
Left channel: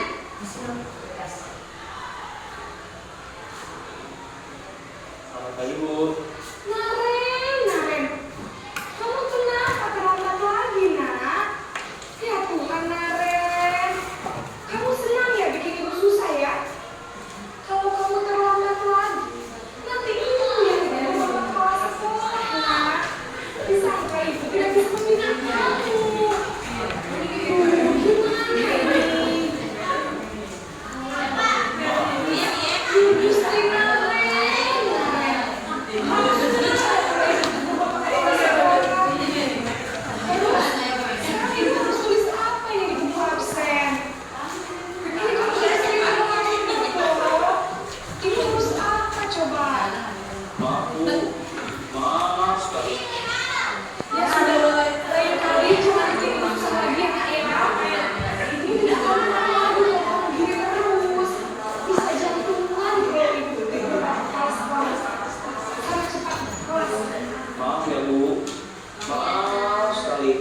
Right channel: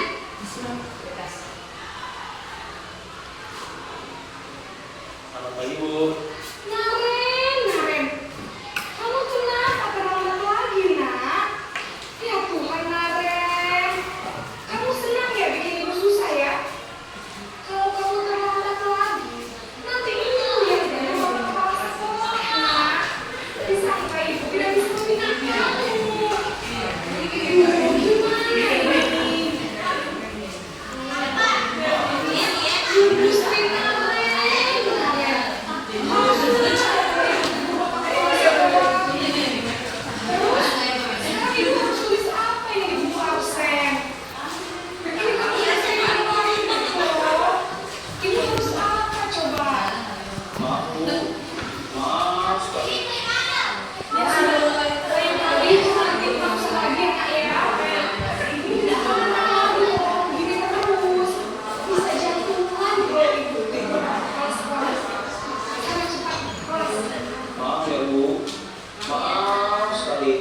Selamat pagi, Bu. Naren. Kamu kenapa terlambat lagi, nak? Ya Tuhan, Naren. Kamu senang ya bikin ibu susah ya? Kalau kamu terlambat lagi, nanti ibu yang jadi bapak kepala sekolah, nak. Disangka ibu tidak bisa membina kamu. Gimana ini? Gusti Naren. Sekarang ibu harus tulis apa ini di buku absen? Ini kan udah sering kemarin loh. Ibu harus apa coba? Maaf, Bu. Maaf sekali. Ya aduh, lain kali jangan timbang sama dia ya. Ibu tidak akan menang loh, gini terus. Bisa jantungan bro ibu. Kelas. Sekarang cepat kelas. Maaf ya, Bu. Maaf sekali.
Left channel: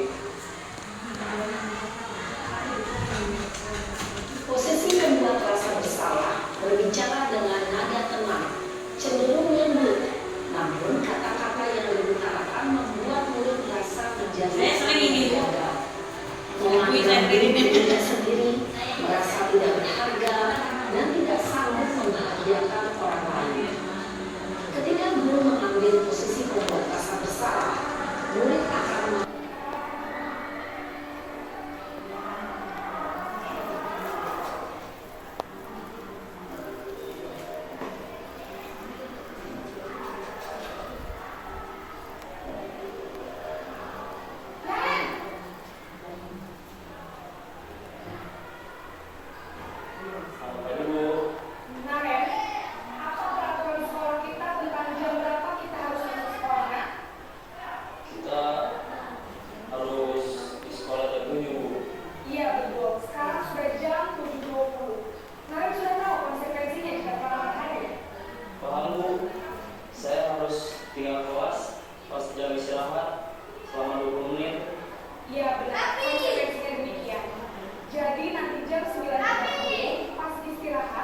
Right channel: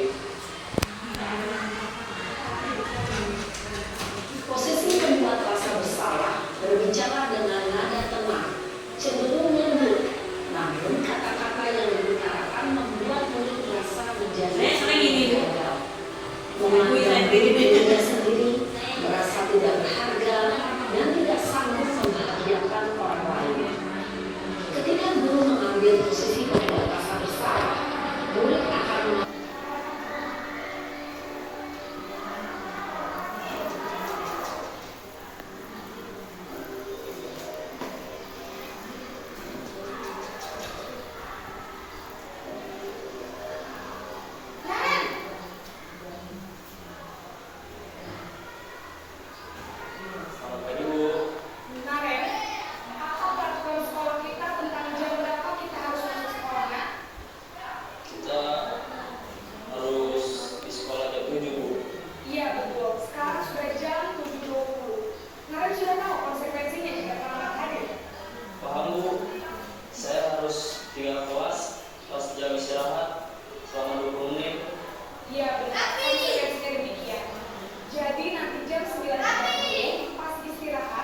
Posisi membuat rasa bersalah berbicara dengan nada tenang, cenderung lembut, namun kata-kata yang diutarakan membuat murid merasa menjadi Saya sering ini, Bu. gagal. Menganggap diri dirinya sendiri, merasa tidak berharga, dan tidak sanggup membahagiakan orang lain. Ketika guru mengambil posisi membuat rasa bersalah, murid akan Naren, Selamat pagi, Bu. Naren, apa peraturan sekolah kita tentang jam berapa kita harus masuk sekolah, nak? Kita harus di sekolah jam 7, Bu. Iya betul, sekarang sudah jam 7.20. Naren sudah tahu konsekuensinya jika terlambat hadir. Paham, Bu? Saya harus tinggal kelas pas jam istirahat selama 20 menit. Iya benar, konsekuensinya demikian. Jadi nanti jam 9.30 pas istirahat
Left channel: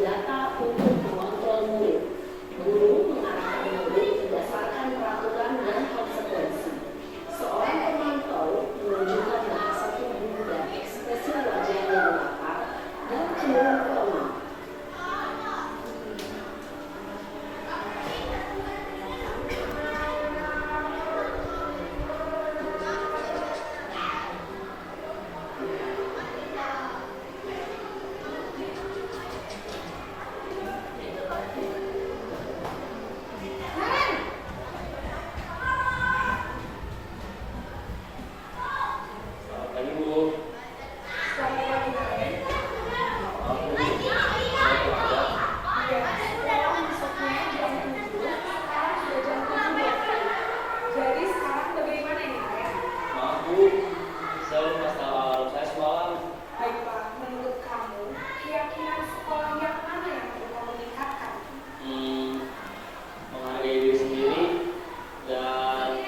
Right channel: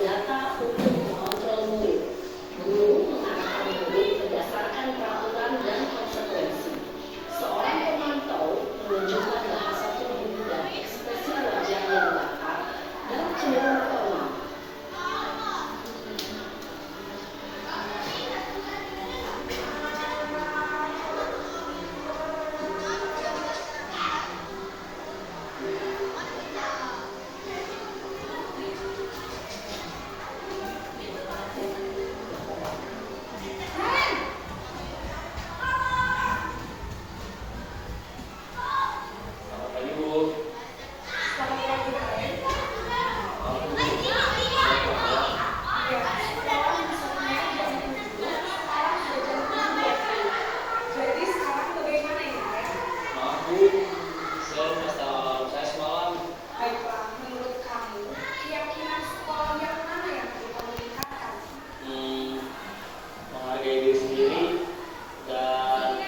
data untuk mengontrol murid. Guru mengarahkan murid berdasarkan peraturan dan konsekuensi. Seorang pemantau menunjukkan bahasa tubuh dan ekspresi wajah yang datar dan cenderung formal. Selamat pagi, Bu. Selamat pagi, Naren. Maaf, Bu. Saya terlambat. Iya, sekolah masuknya jam 7, sekarang sudah jam 7.20. Jadi sekarang bagaimana ini, Naren? Maaf, Bu. Saya lupa tahu saya semalam. Baiklah, menurut kamu, keyakinan sekolah yang mana yang perlu kamu tingkatkan? Menghargai diri sendiri dan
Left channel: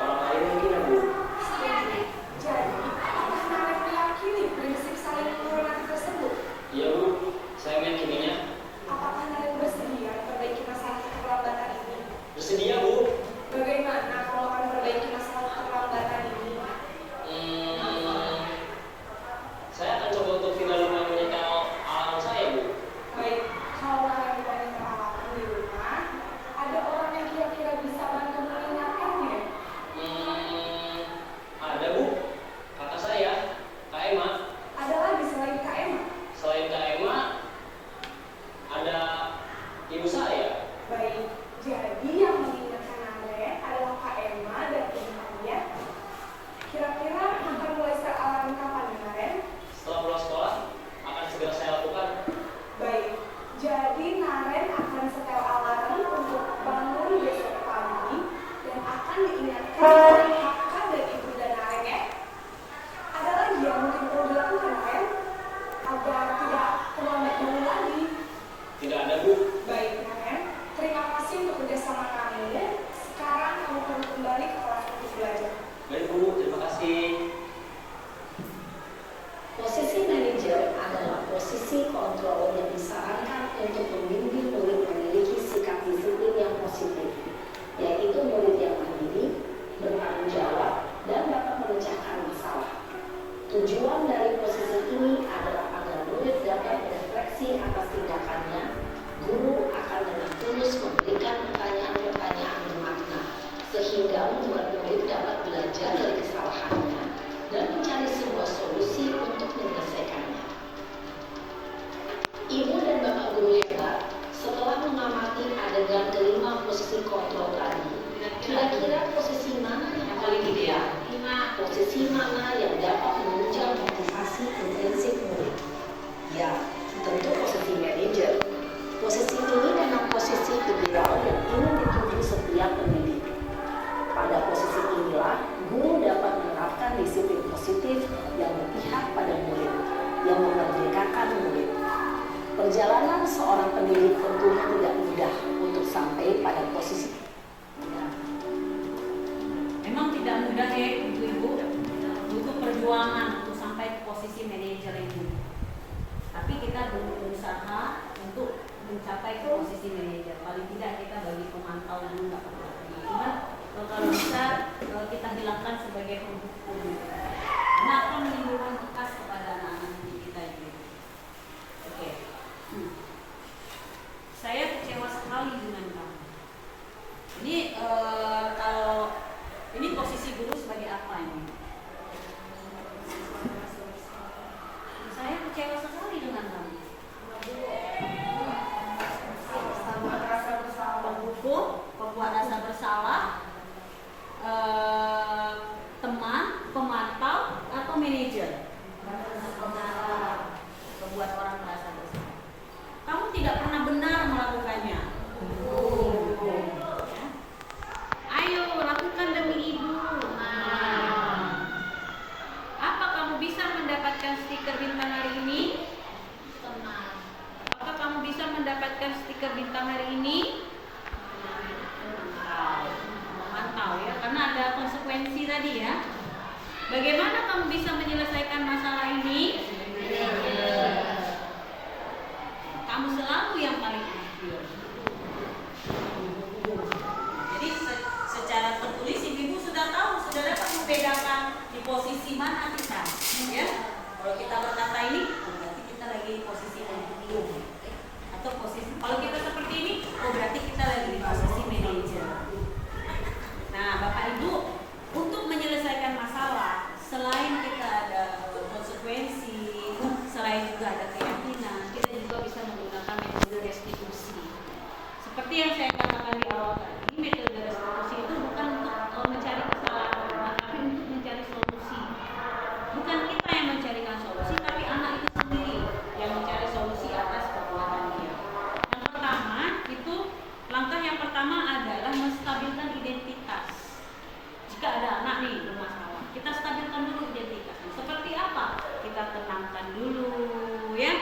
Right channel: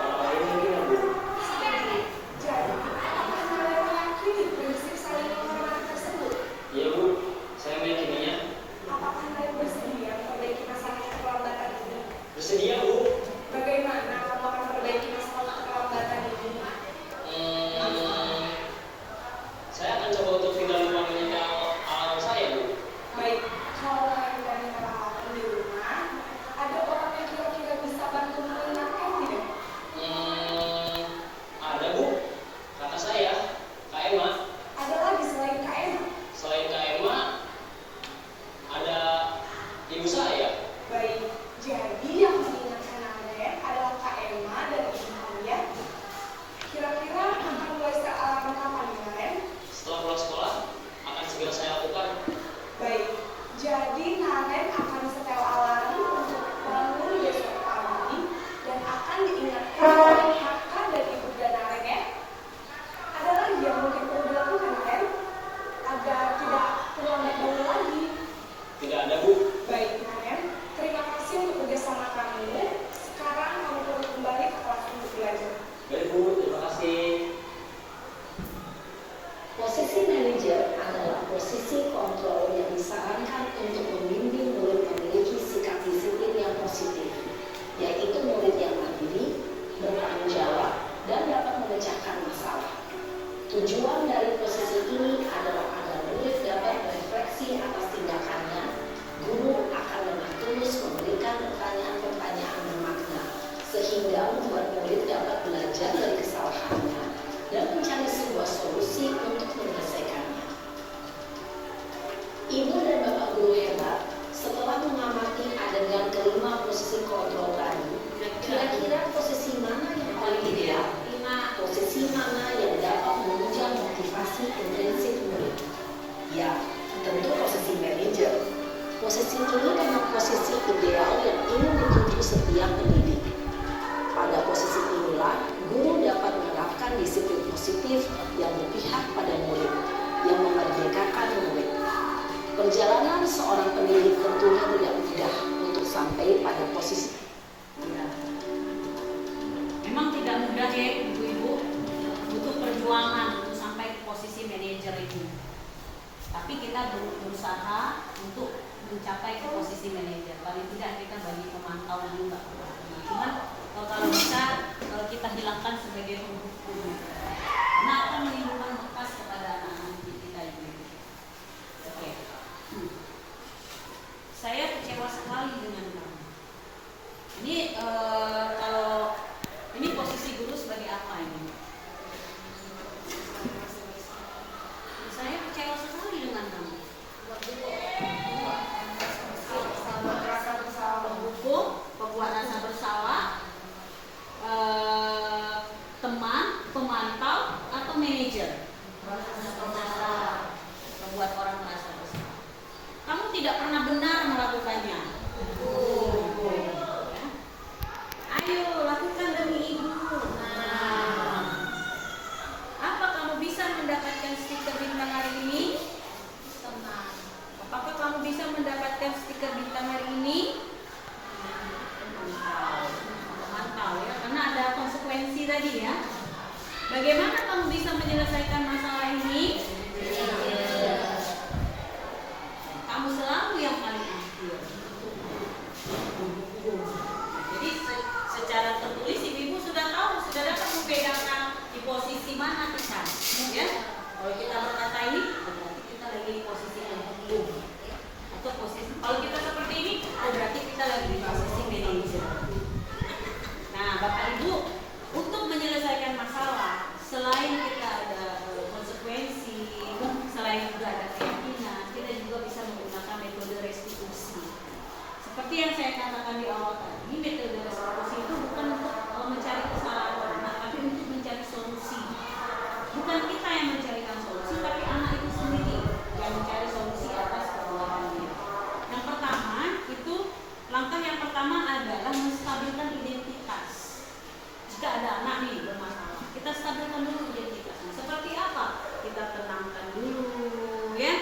orang lain mungkin ya, Bu. Setuju. Jadi, apakah Naren meyakini prinsip saling menghormati tersebut? Iya, Bu. Saya meyakininya. Apakah Naren bersedia memperbaiki masalah keterlambatan ini? Bersedia, Bu. Bagaimana kamu akan memperbaiki masalah keterlambatan ini? Saya akan coba untuk tidak lupa menyetel alarm saya, Bu. Baik, kalau Naren wanita alam di rumah, ada orang yang kira-kira bisa bantu mengingatkan tidak? Ada, Bu. Kata saya, Kak Emma. Ada lagi selain Kak Emma? Selain Kak Emma, ada ibu saya. Baik, jadi yang mengingatkan Naren adalah Kak Emma dan ibu kalian. Kira-kira akan mulai alarm kapan ya, Naren? Setelah pulang sekolah, akan segera saya lakukan. Baik, jadi Naren akan setel alarm untuk bangun besok pagi dan akan diingatkan oleh kakak dan ibu dan Naren ya. Ada lagi yang mungkin perlu dilakukan, Naren? Agar tidak terlambat bangun lagi. Tidak ada, Bu. Baik, Naren. Terima kasih untuk kerjasama kamu. Sekarang kamu perlu kembali ke kelas untuk belajar. Baik, Bu. Terima kasih. Posisi manajer adalah posisi kontrol yang disarankan untuk membimbing murid memiliki sikap disiplin yang positif, yaitu murid yang mandiri, bertanggung jawab, dan dapat memecahkan masalah. Tujuan dari posisi ini adalah agar murid dapat berefleksi atas tindakannya. Guru akan dengan tulus memberikan pertanyaan-pertanyaan bermakna, sehingga membuat murid dapat belajar dari kesalahannya dan mencari sebuah solusi untuk menyelesaikannya. Ibu dan bapak guru hebat, setelah mengamati adegan kelima posisi kontrol tadi, kira-kira posisi mana yang paling ideal? Posisi mana yang dapat menunjang motivasi intrinsik murid? Ya, tentu posisi manajer. Posisi ini memang posisi ideal yang ingin dituju setiap pendidik. Pada posisi inilah, guru dapat menerapkan disiplin positif yang berpihak pada murid, yang memerdekakan murid. Perjalanan seorang pendidik tentunya tidak mudah untuk sampai pada posisi. Memang tidak mudah ya, ibu-ibu. Butuh perjuangan untuk sampai ke posisi manajer itu. Tapi kita berusaha untuk mencapai ke posisi manajer. Paling tidak kita bagi pemantau dulu nggak apa-apa. Cuman kalau bisa kita hilangkan sebagai penghukum. Karena akan menimbulkan bekas kepada anak-anak kita itu. Oke. Saya kecewa sekali dengan kamu. Ini kalau ini posisi guru sebagai apa ini? Saya kecewa sekali dengan kamu. Penghukum, pembuat rasa bersalah, teman, pemantau, atau manajer? Membuat orang merasa bersalah. Kamu tidak pernah benar melakukannya. Ya. Ayo lakukan demi ibu. Apa kamu bisa mendapatkan stiker bintang hari ini? Tenang. Apakah kamu bisa mendapatkan stiker bintang hari ini? Mantau ya, karena ada konsekuensi tadi ya. Bagaimana kamu bisa menyelesaikan masalah ini? Kamu kamu selalu yang paling akhir. Jadi secara tertulis ibu sudah tahu, sudah dapat membedakan di posisi mana kita, ya. Kalau kita berkata ini, berarti kita lagi di posisi pembukuan, atau posisi. Kalau kita seperti ini, oh berarti kita lagi di posisi manajer. Nah, Bapak Ibu, untuk menyelesaikan masalah, selain kita ada konsekuensi, selain juga ada keyakinan, kita juga bisa menggunakan metode restitusi. Seperti yang saya katakan di awal tadi, metode restitusi itu bukan untuk mencari kesalahan orang, tapi untuk mencari solusi. Bukan kita yang mencarikan solusi, tapi anak itu sendiri yang mencari solusi atas kesalahan dia. Yang pertama itu, langkah yang pertama adalah menstabilkan identitas. Jika ada anak nih bermasalah, kita stabilkan dulu identitasnya. Seperti apa? Kita tenangkan dulu, ya.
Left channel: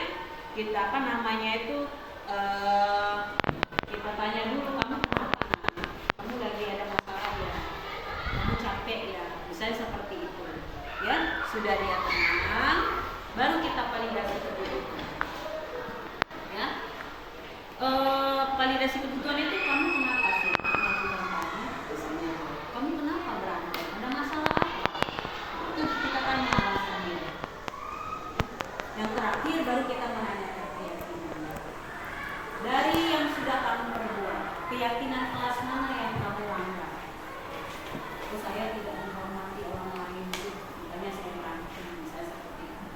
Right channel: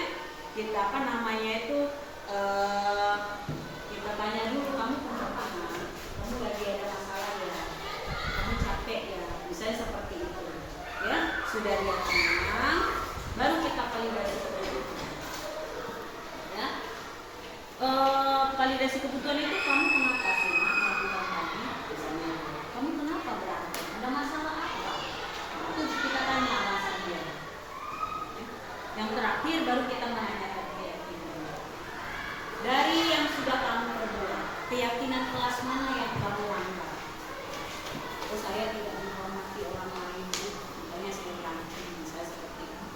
Kita apa namanya itu? Kita tanya dulu, kamu kenapa? Kamu lagi ada masalah ya? Kamu capek ya? Misalnya seperti itu, ya. Sudah dia tenang, baru kita validasi kebutuhan. Ya. Validasi kebutuhan itu, kamu kenapa sih melakukan tadi? Misalnya, kamu kenapa berantem? Ada masalah apa? Itu kita tanya alasannya. Yang terakhir baru kita menanyakan keyakinan. Dari yang sudah kamu perbuat, keyakinan kelas mana yang kamu langgar? Oh, saya tidak menghormati orang lain, misalnya saya berantem, misalnya seperti itu.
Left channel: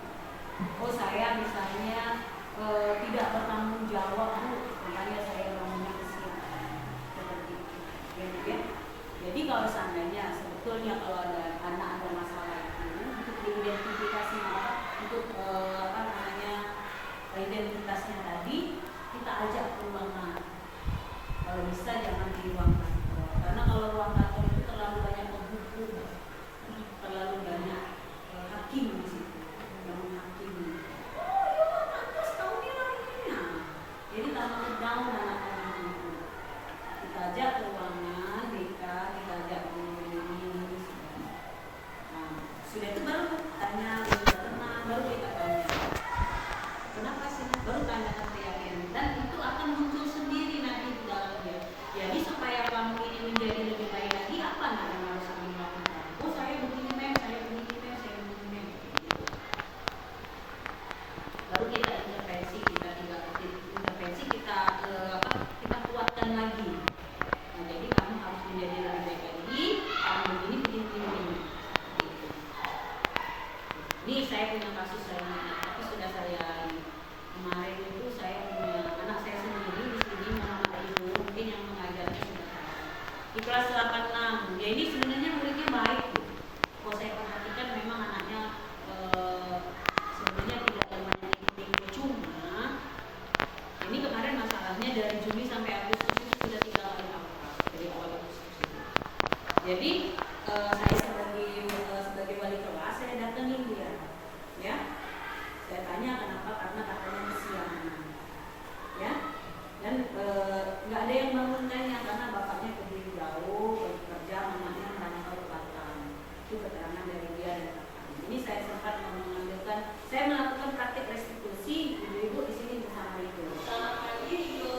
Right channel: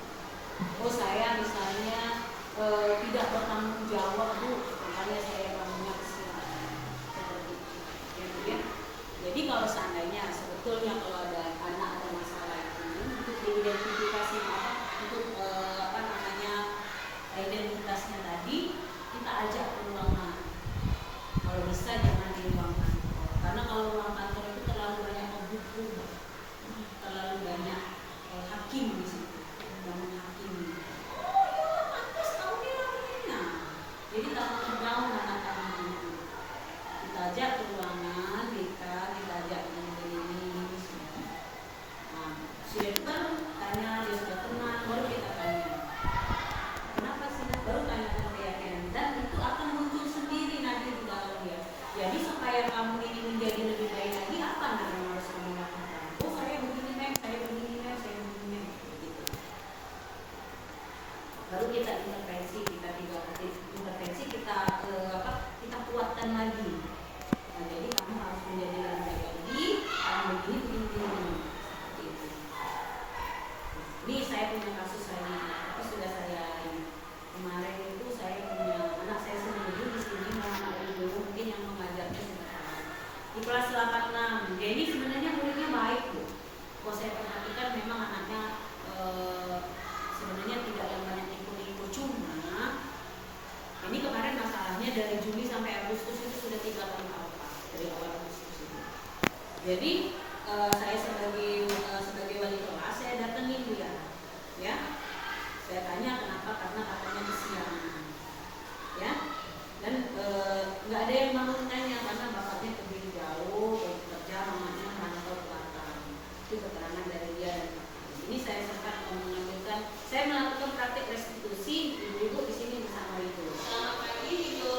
Oh, saya misalnya tidak bertanggung jawab, Bu, makanya saya bangunnya kesiangan. Seperti itu. Ya. Jadi kalau seandainya sebetulnya kalau ada anak ada masalah itu untuk diidentifikasi untuk identitasnya tadi, kita ajak ke ruang anak. Kalau bisa jangan di ruang kantor, karena kalau ruang kantor itu terlalu banyak buku, terlalu banyak hakim di situ yang menghakimi. Kamu bilang ini, jadi tak terbangun anak kami itu. Kita ajak ke ruangan, kita ajak ini. Nah, sudah itu baru tanya, dia sudah tenang, baru kita tanya. Kenapa sih? Baru tanyakan keyakinan, dan itu akan muncul sendiri nanti di dalam dia. Jadi supaya kamu ini menjadi lebih baik lagi, apa yang harus kamu lakukan? Oh, saya begini mem, saya begini mem, saya begini mem, gitu. Baru kita intervensi, kita kuatkan lagi. Nah, jadi kamu harus menjadi lebih baik lagi. Kamu begini. Gitu. Ini saya punya kasus saya, tapi sudah saya kemarin itu saya punya anak saya sendiri di sini, mama ibu mungkin yang mengajarnya sudah tahu. Di kelas 86, dia ini sebenarnya muridnya baik tuh. Kalau saya perhatikan memang anaknya sebenarnya tidak yang banyak ikut-ikut, cuma ini kemarin masalahnya dari Juli sampai Agustus itu sudah 3 kali alfa dari awal Agustus itu. Jadi saya sebagai wali kelas saya datengin dia, ya. Saya tanya kenapa, karena katanya kesiangan, ya. Dan nggak ada yang bangun tanya karena bapaknya pergi jauh bekerja, mamanya merantau ke Batam. Itu keterangan dari dia dan kakak. Ini saya sempat mengambilkan, saya melakukan praktik restitusi, ibu-ibu di sini bersama itu. Selamat pagi, Ibu.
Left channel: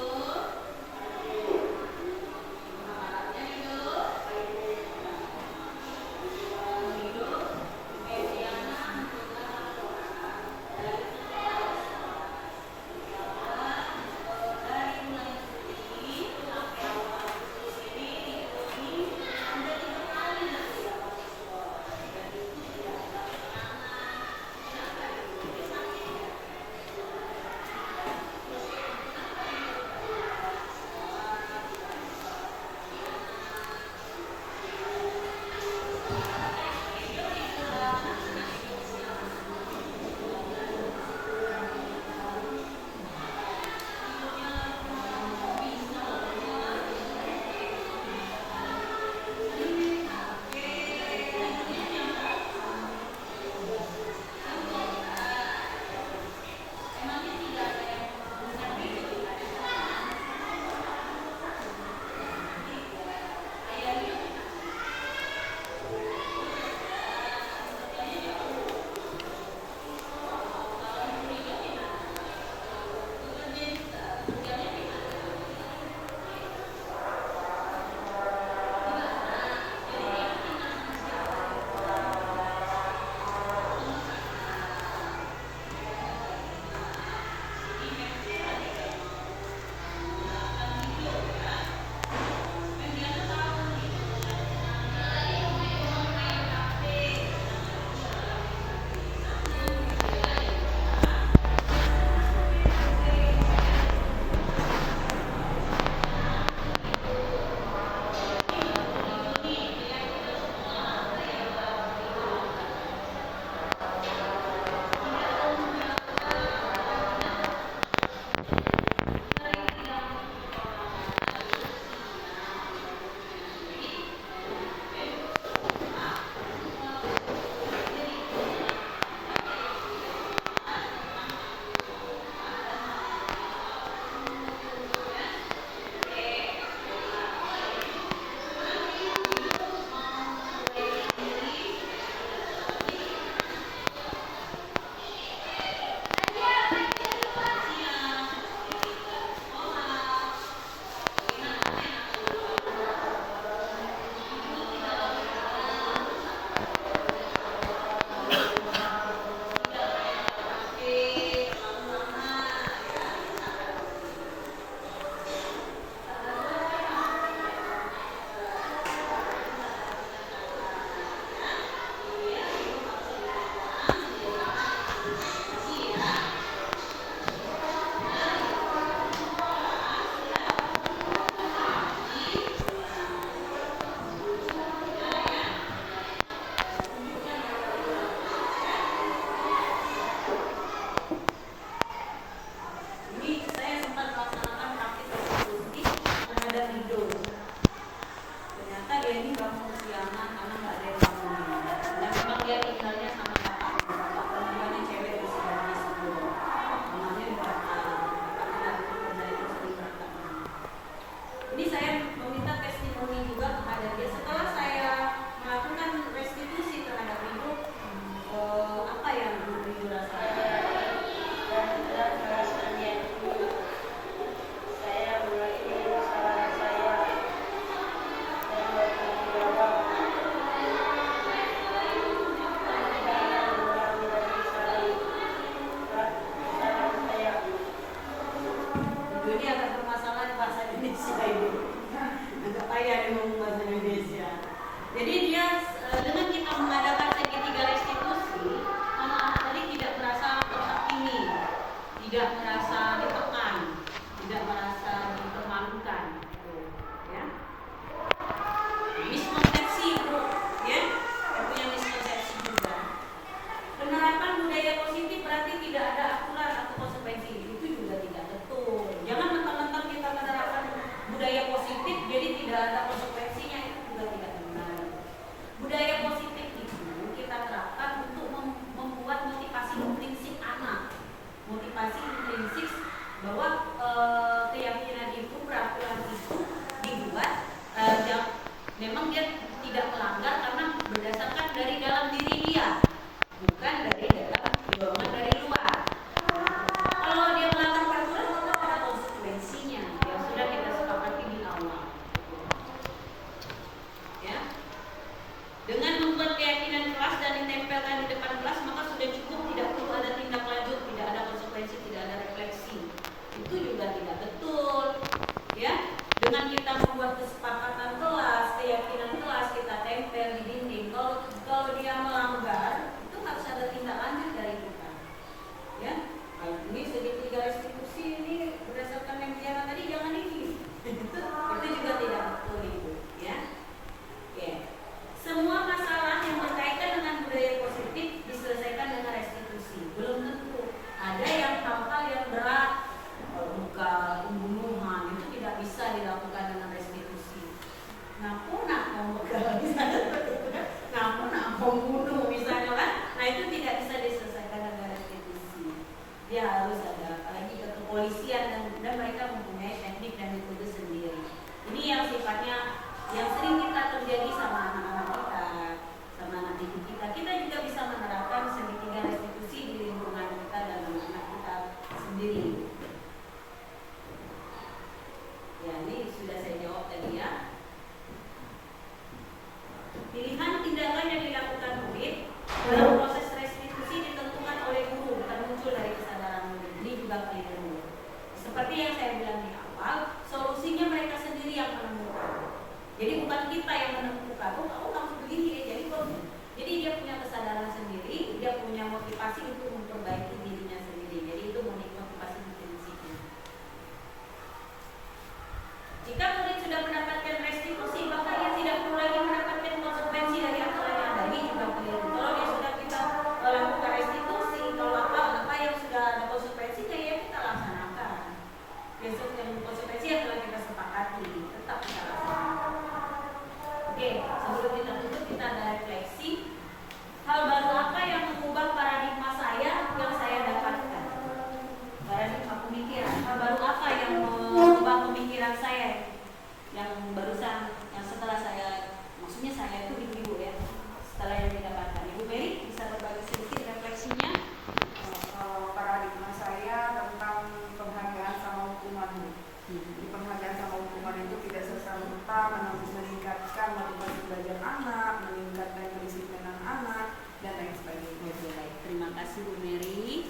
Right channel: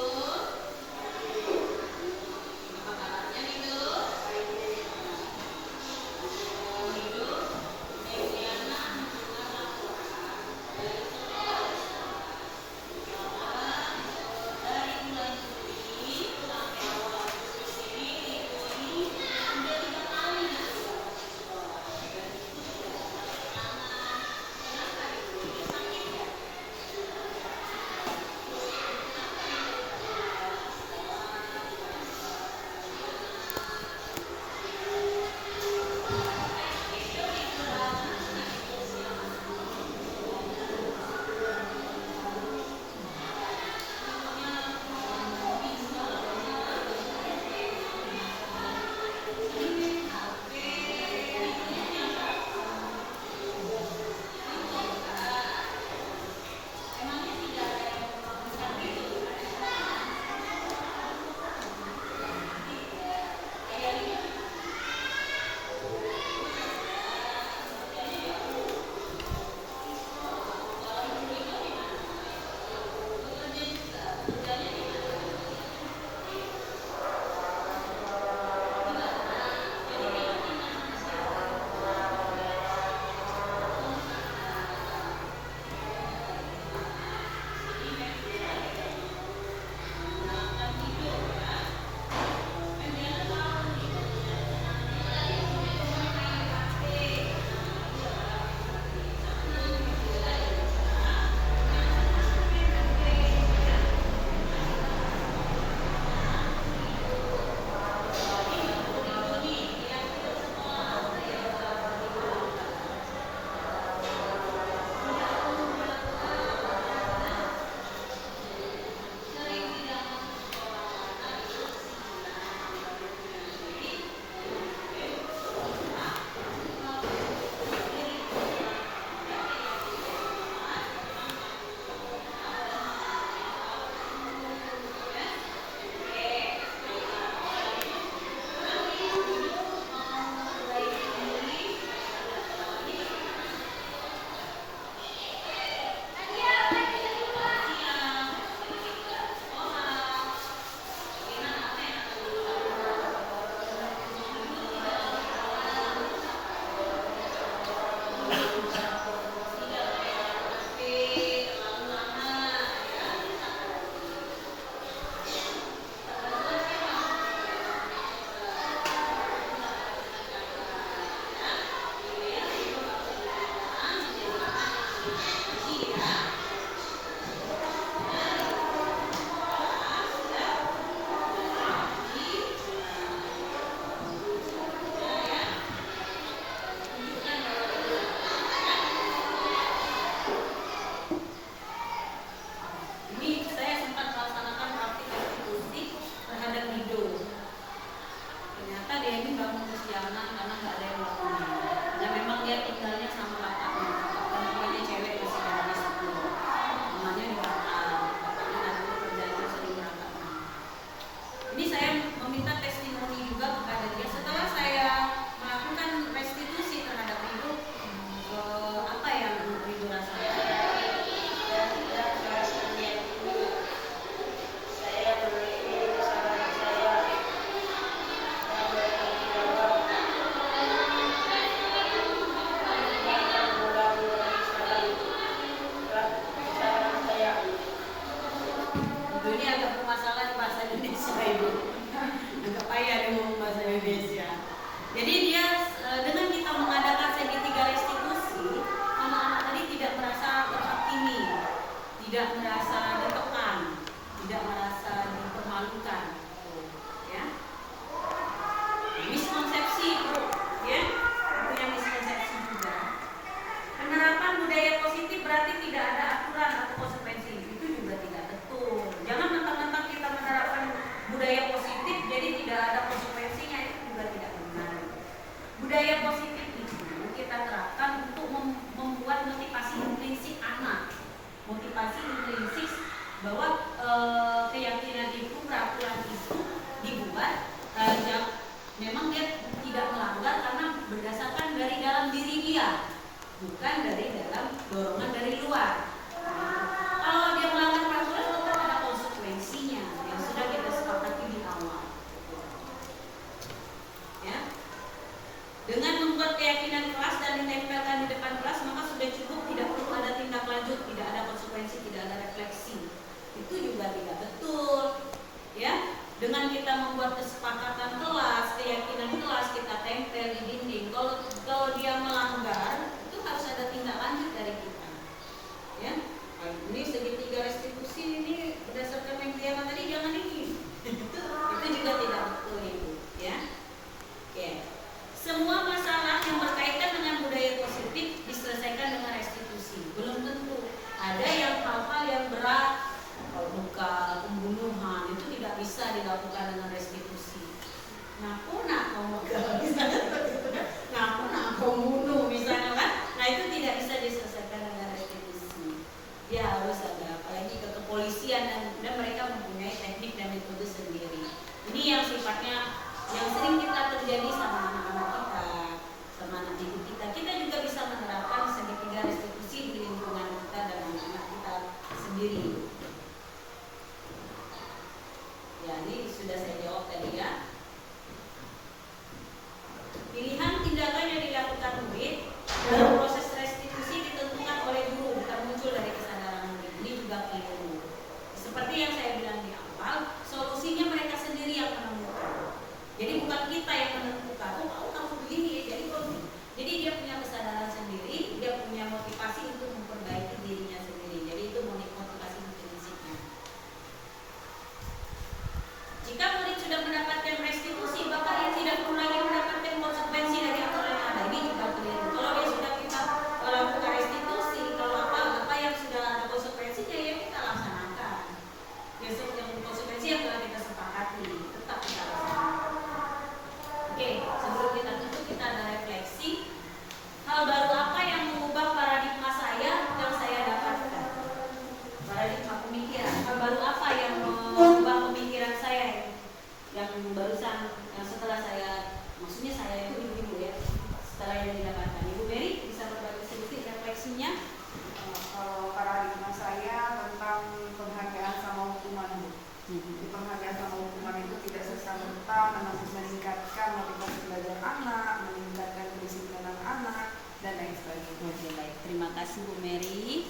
bermasalah di bahasa Indonesia ini. Agak payah dia ngomong bahasa Indonesia. Jadi dia dengan kita mengadakan segitiga restitusi, anak-anak tadi tidak merasa terhakimi, tidak merasa ditekan, tidak merasa dipermalukan. Ya. Miskonsepsi itu, ya, punya miskonsepsi juga. Penerapan budaya positif berarti tidak ada aturan atau konsekuensi. Itu juga tidak betul. Jangan mentang-mentang kita menerapkan budaya positif jadi tidak ada konsekuensinya, itu juga tidak benar. Budaya positif itu kita terapkan untuk membuat motivasi intrinsik anak. Motivasi intrinsik bahwa keyakinan itu, peraturan itu dibuat memang dia tidak melanggar karena berdasarkan dari dalam diri dia, bukan dari dalam dorongan dari luar. Kalau dia melanggar peraturan tetap ada konsekuensinya yang sudah kita sepakati di awal. Ya. Dengan membuat keyakinan kelas dan ditempelkan di depan kelas, maka sudah cukup, tidak perlu ada tindak lanjut, tidak ada konsekuensi, tidak ada refleksi. Itu juga tidak betul. Ya. Dengan kita membuat kesepakatan kelas, keyakinan kelas, kita tempel di dinding. Kalau dia melanggar, itu harus ada tindak lanjut dari kita. Ya, ini segitiga restitusi ini berdasarkan yang dia tadi, jangan ini. Itu juga tidak betul itu. Ya, oke. Semua masalah yang berkaitan dengan budaya positif diselesaikan dengan restitusi. Belum tentu. Ada yang hal-hal yang berat, luka, pembunuhan, itu tidak bisa dilakukan dengan restitusi. Ngaku nak mau megang misalnya seperti itu kan, ngaku nak mau bunuh misalnya kan, nah itu tidak bisa diselesaikan dengan restitusi. Dia harus ada, apalagi ke kepolisian dan mereka mempunyai teknik dan metode sendiri. Ini yang sifatnya yang sering kita terjadi sama anak-anak kita, sama anak didik kita. Kita juga bisa menerapkan segitiga restitusi di lingkungan kita dan anak-anak kita sendiri. Ya, ini sudah saya jawab tadi ya. Pilihan tindakan yang dilakukan murid dalam proses restitusi ditentukan oleh guru, termuncul dari kesadaran murid. Ini juga keliru. Seperti yang saya bilang di awal, solusinya mereka sendiri yang menemukan. Jadi bukan kita yang menentukan. Oh, harus begini ya. Jadi dia punya kesadaran sendiri, dia punya motivasi untuk memperbaiki dirinya sendiri. Jadi itu motivasi intrinsiknya. Jika murid sudah mendapatkan restitusi, maka ia tidak perlu lagi mendapatkan konsekuensi dari aturan yang ada. Ini juga keliru. Kalau dia sudah kita lakukan restitusi, kalau apa yang sudah ada konsekuensinya ya kita laksanakan. Yang konsekuensi yang telah kita sepakati tetap kita laksanakan. Oke, sebelum kita tutup kita ada refleksi. Hal baru apa yang mengubah paradigma saya yang saya dapatkan? Paradigma pemikiran. Hal baru apa yang mengubah pemikiran saya yang barusan, yang setelah saya, maksudnya saya itu ibu-ibu ya, setelah yang didapatkan. Ibu Mary bisa berbagi sedikit refleksinya? Paradigma saya tentang penghargaan sama hukuman, Bu. Di penghargaan sama hukuman itu tidak serta-merta meningkatkan motivasi belajar anak, meningkatkan kedisiplinan anak, dan lain sebagainya. Baik, terima kasih Bu Mary.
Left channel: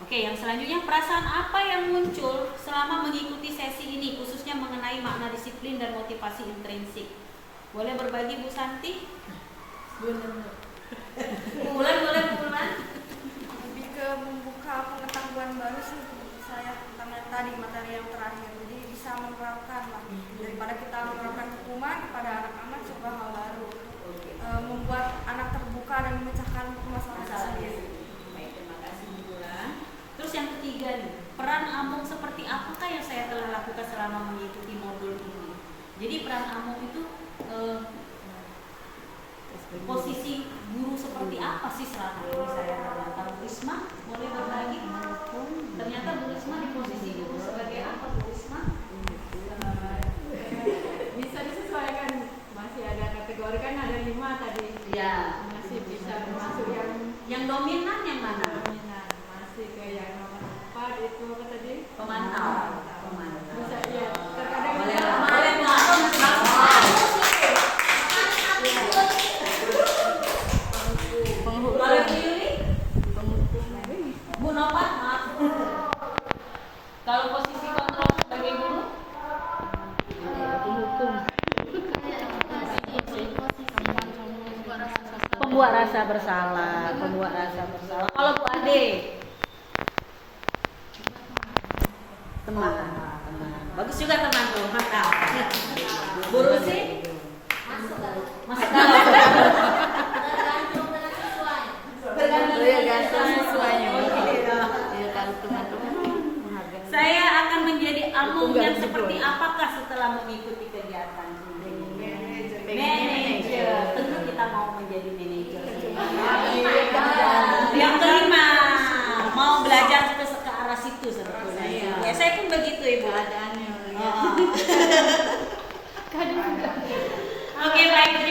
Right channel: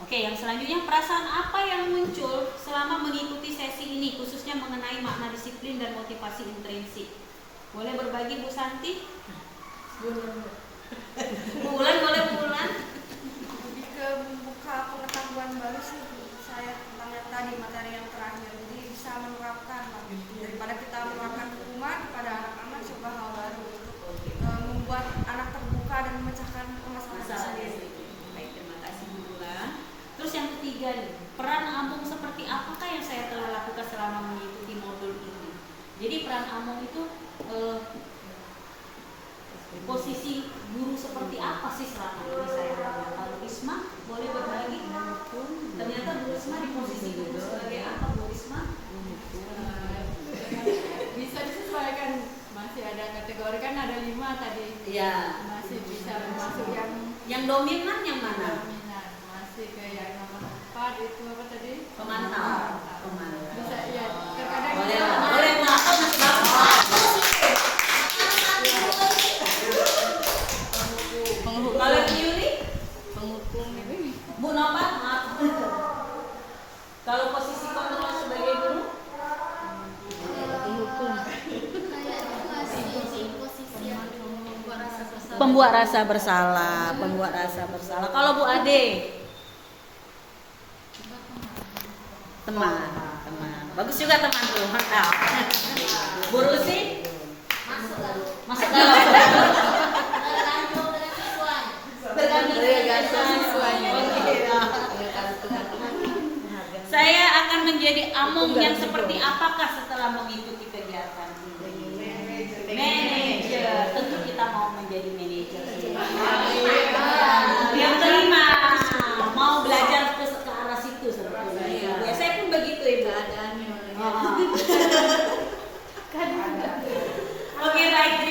Oke, yang selanjutnya, perasaan apa yang muncul selama mengikuti sesi ini, khususnya mengenai makna disiplin dan motivasi intrinsik? Boleh berbagi Bu Santi? Bu Ulan, boleh Bu Ulan? Lebih ke membuka pengetahuan baru sih Bu, saya tentang yang tadi, materi yang terakhir. Jadi bisa menerapkan lah, daripada kita menerapkan hukuman kepada anak-anak, coba hal baru untuk membuat anak terbuka dan memecahkan permasalahan sendiri. Baik, terima kasih Bu Ulan. Terus yang ketiga nih, peran Amung seperti apakah yang saya telah lakukan selama mengikuti modul ini? Jadi peran Amung itu posisi guru seperti apa sih selama ini saya lakukan? Bu Risma boleh berbagi? Ternyata Bu Risma di posisi guru sebagai apa Bu Risma? Bisa disesuaikan, masih ada kategori kan ada 5 tadi. Iya. Masih bisa masuk Yang dominan yang mana? dominan, masih ke yang nomor 4 itu apa tadi? Pemantau. Bisa ya, terkadang Boleh, kita- boleh pemantau masih bagus. Penghukum. Kalau Bu Yuli? Penghukum ini. Bu Nova, maaf. Kalau posisi kontrol sebagai guru? Membuat rasa bersalah, membuat rasa bersalah. Kalau Bu Ade, teman. Bagus juga teman tuh. Bu Rusi, Masuk gak? masuk dalam. Tergantung dengan siswanya. Tergantung siswanya. Saya akan menjadi amung yang seperti apakah setelah mengikuti kegiatan ini? Manajer. Tentu kita mau menjadi manajer. Yang kelima, mau belajar ke arah situ sebetulnya. Ya, saya pun begitu Ibu. Oke, baik.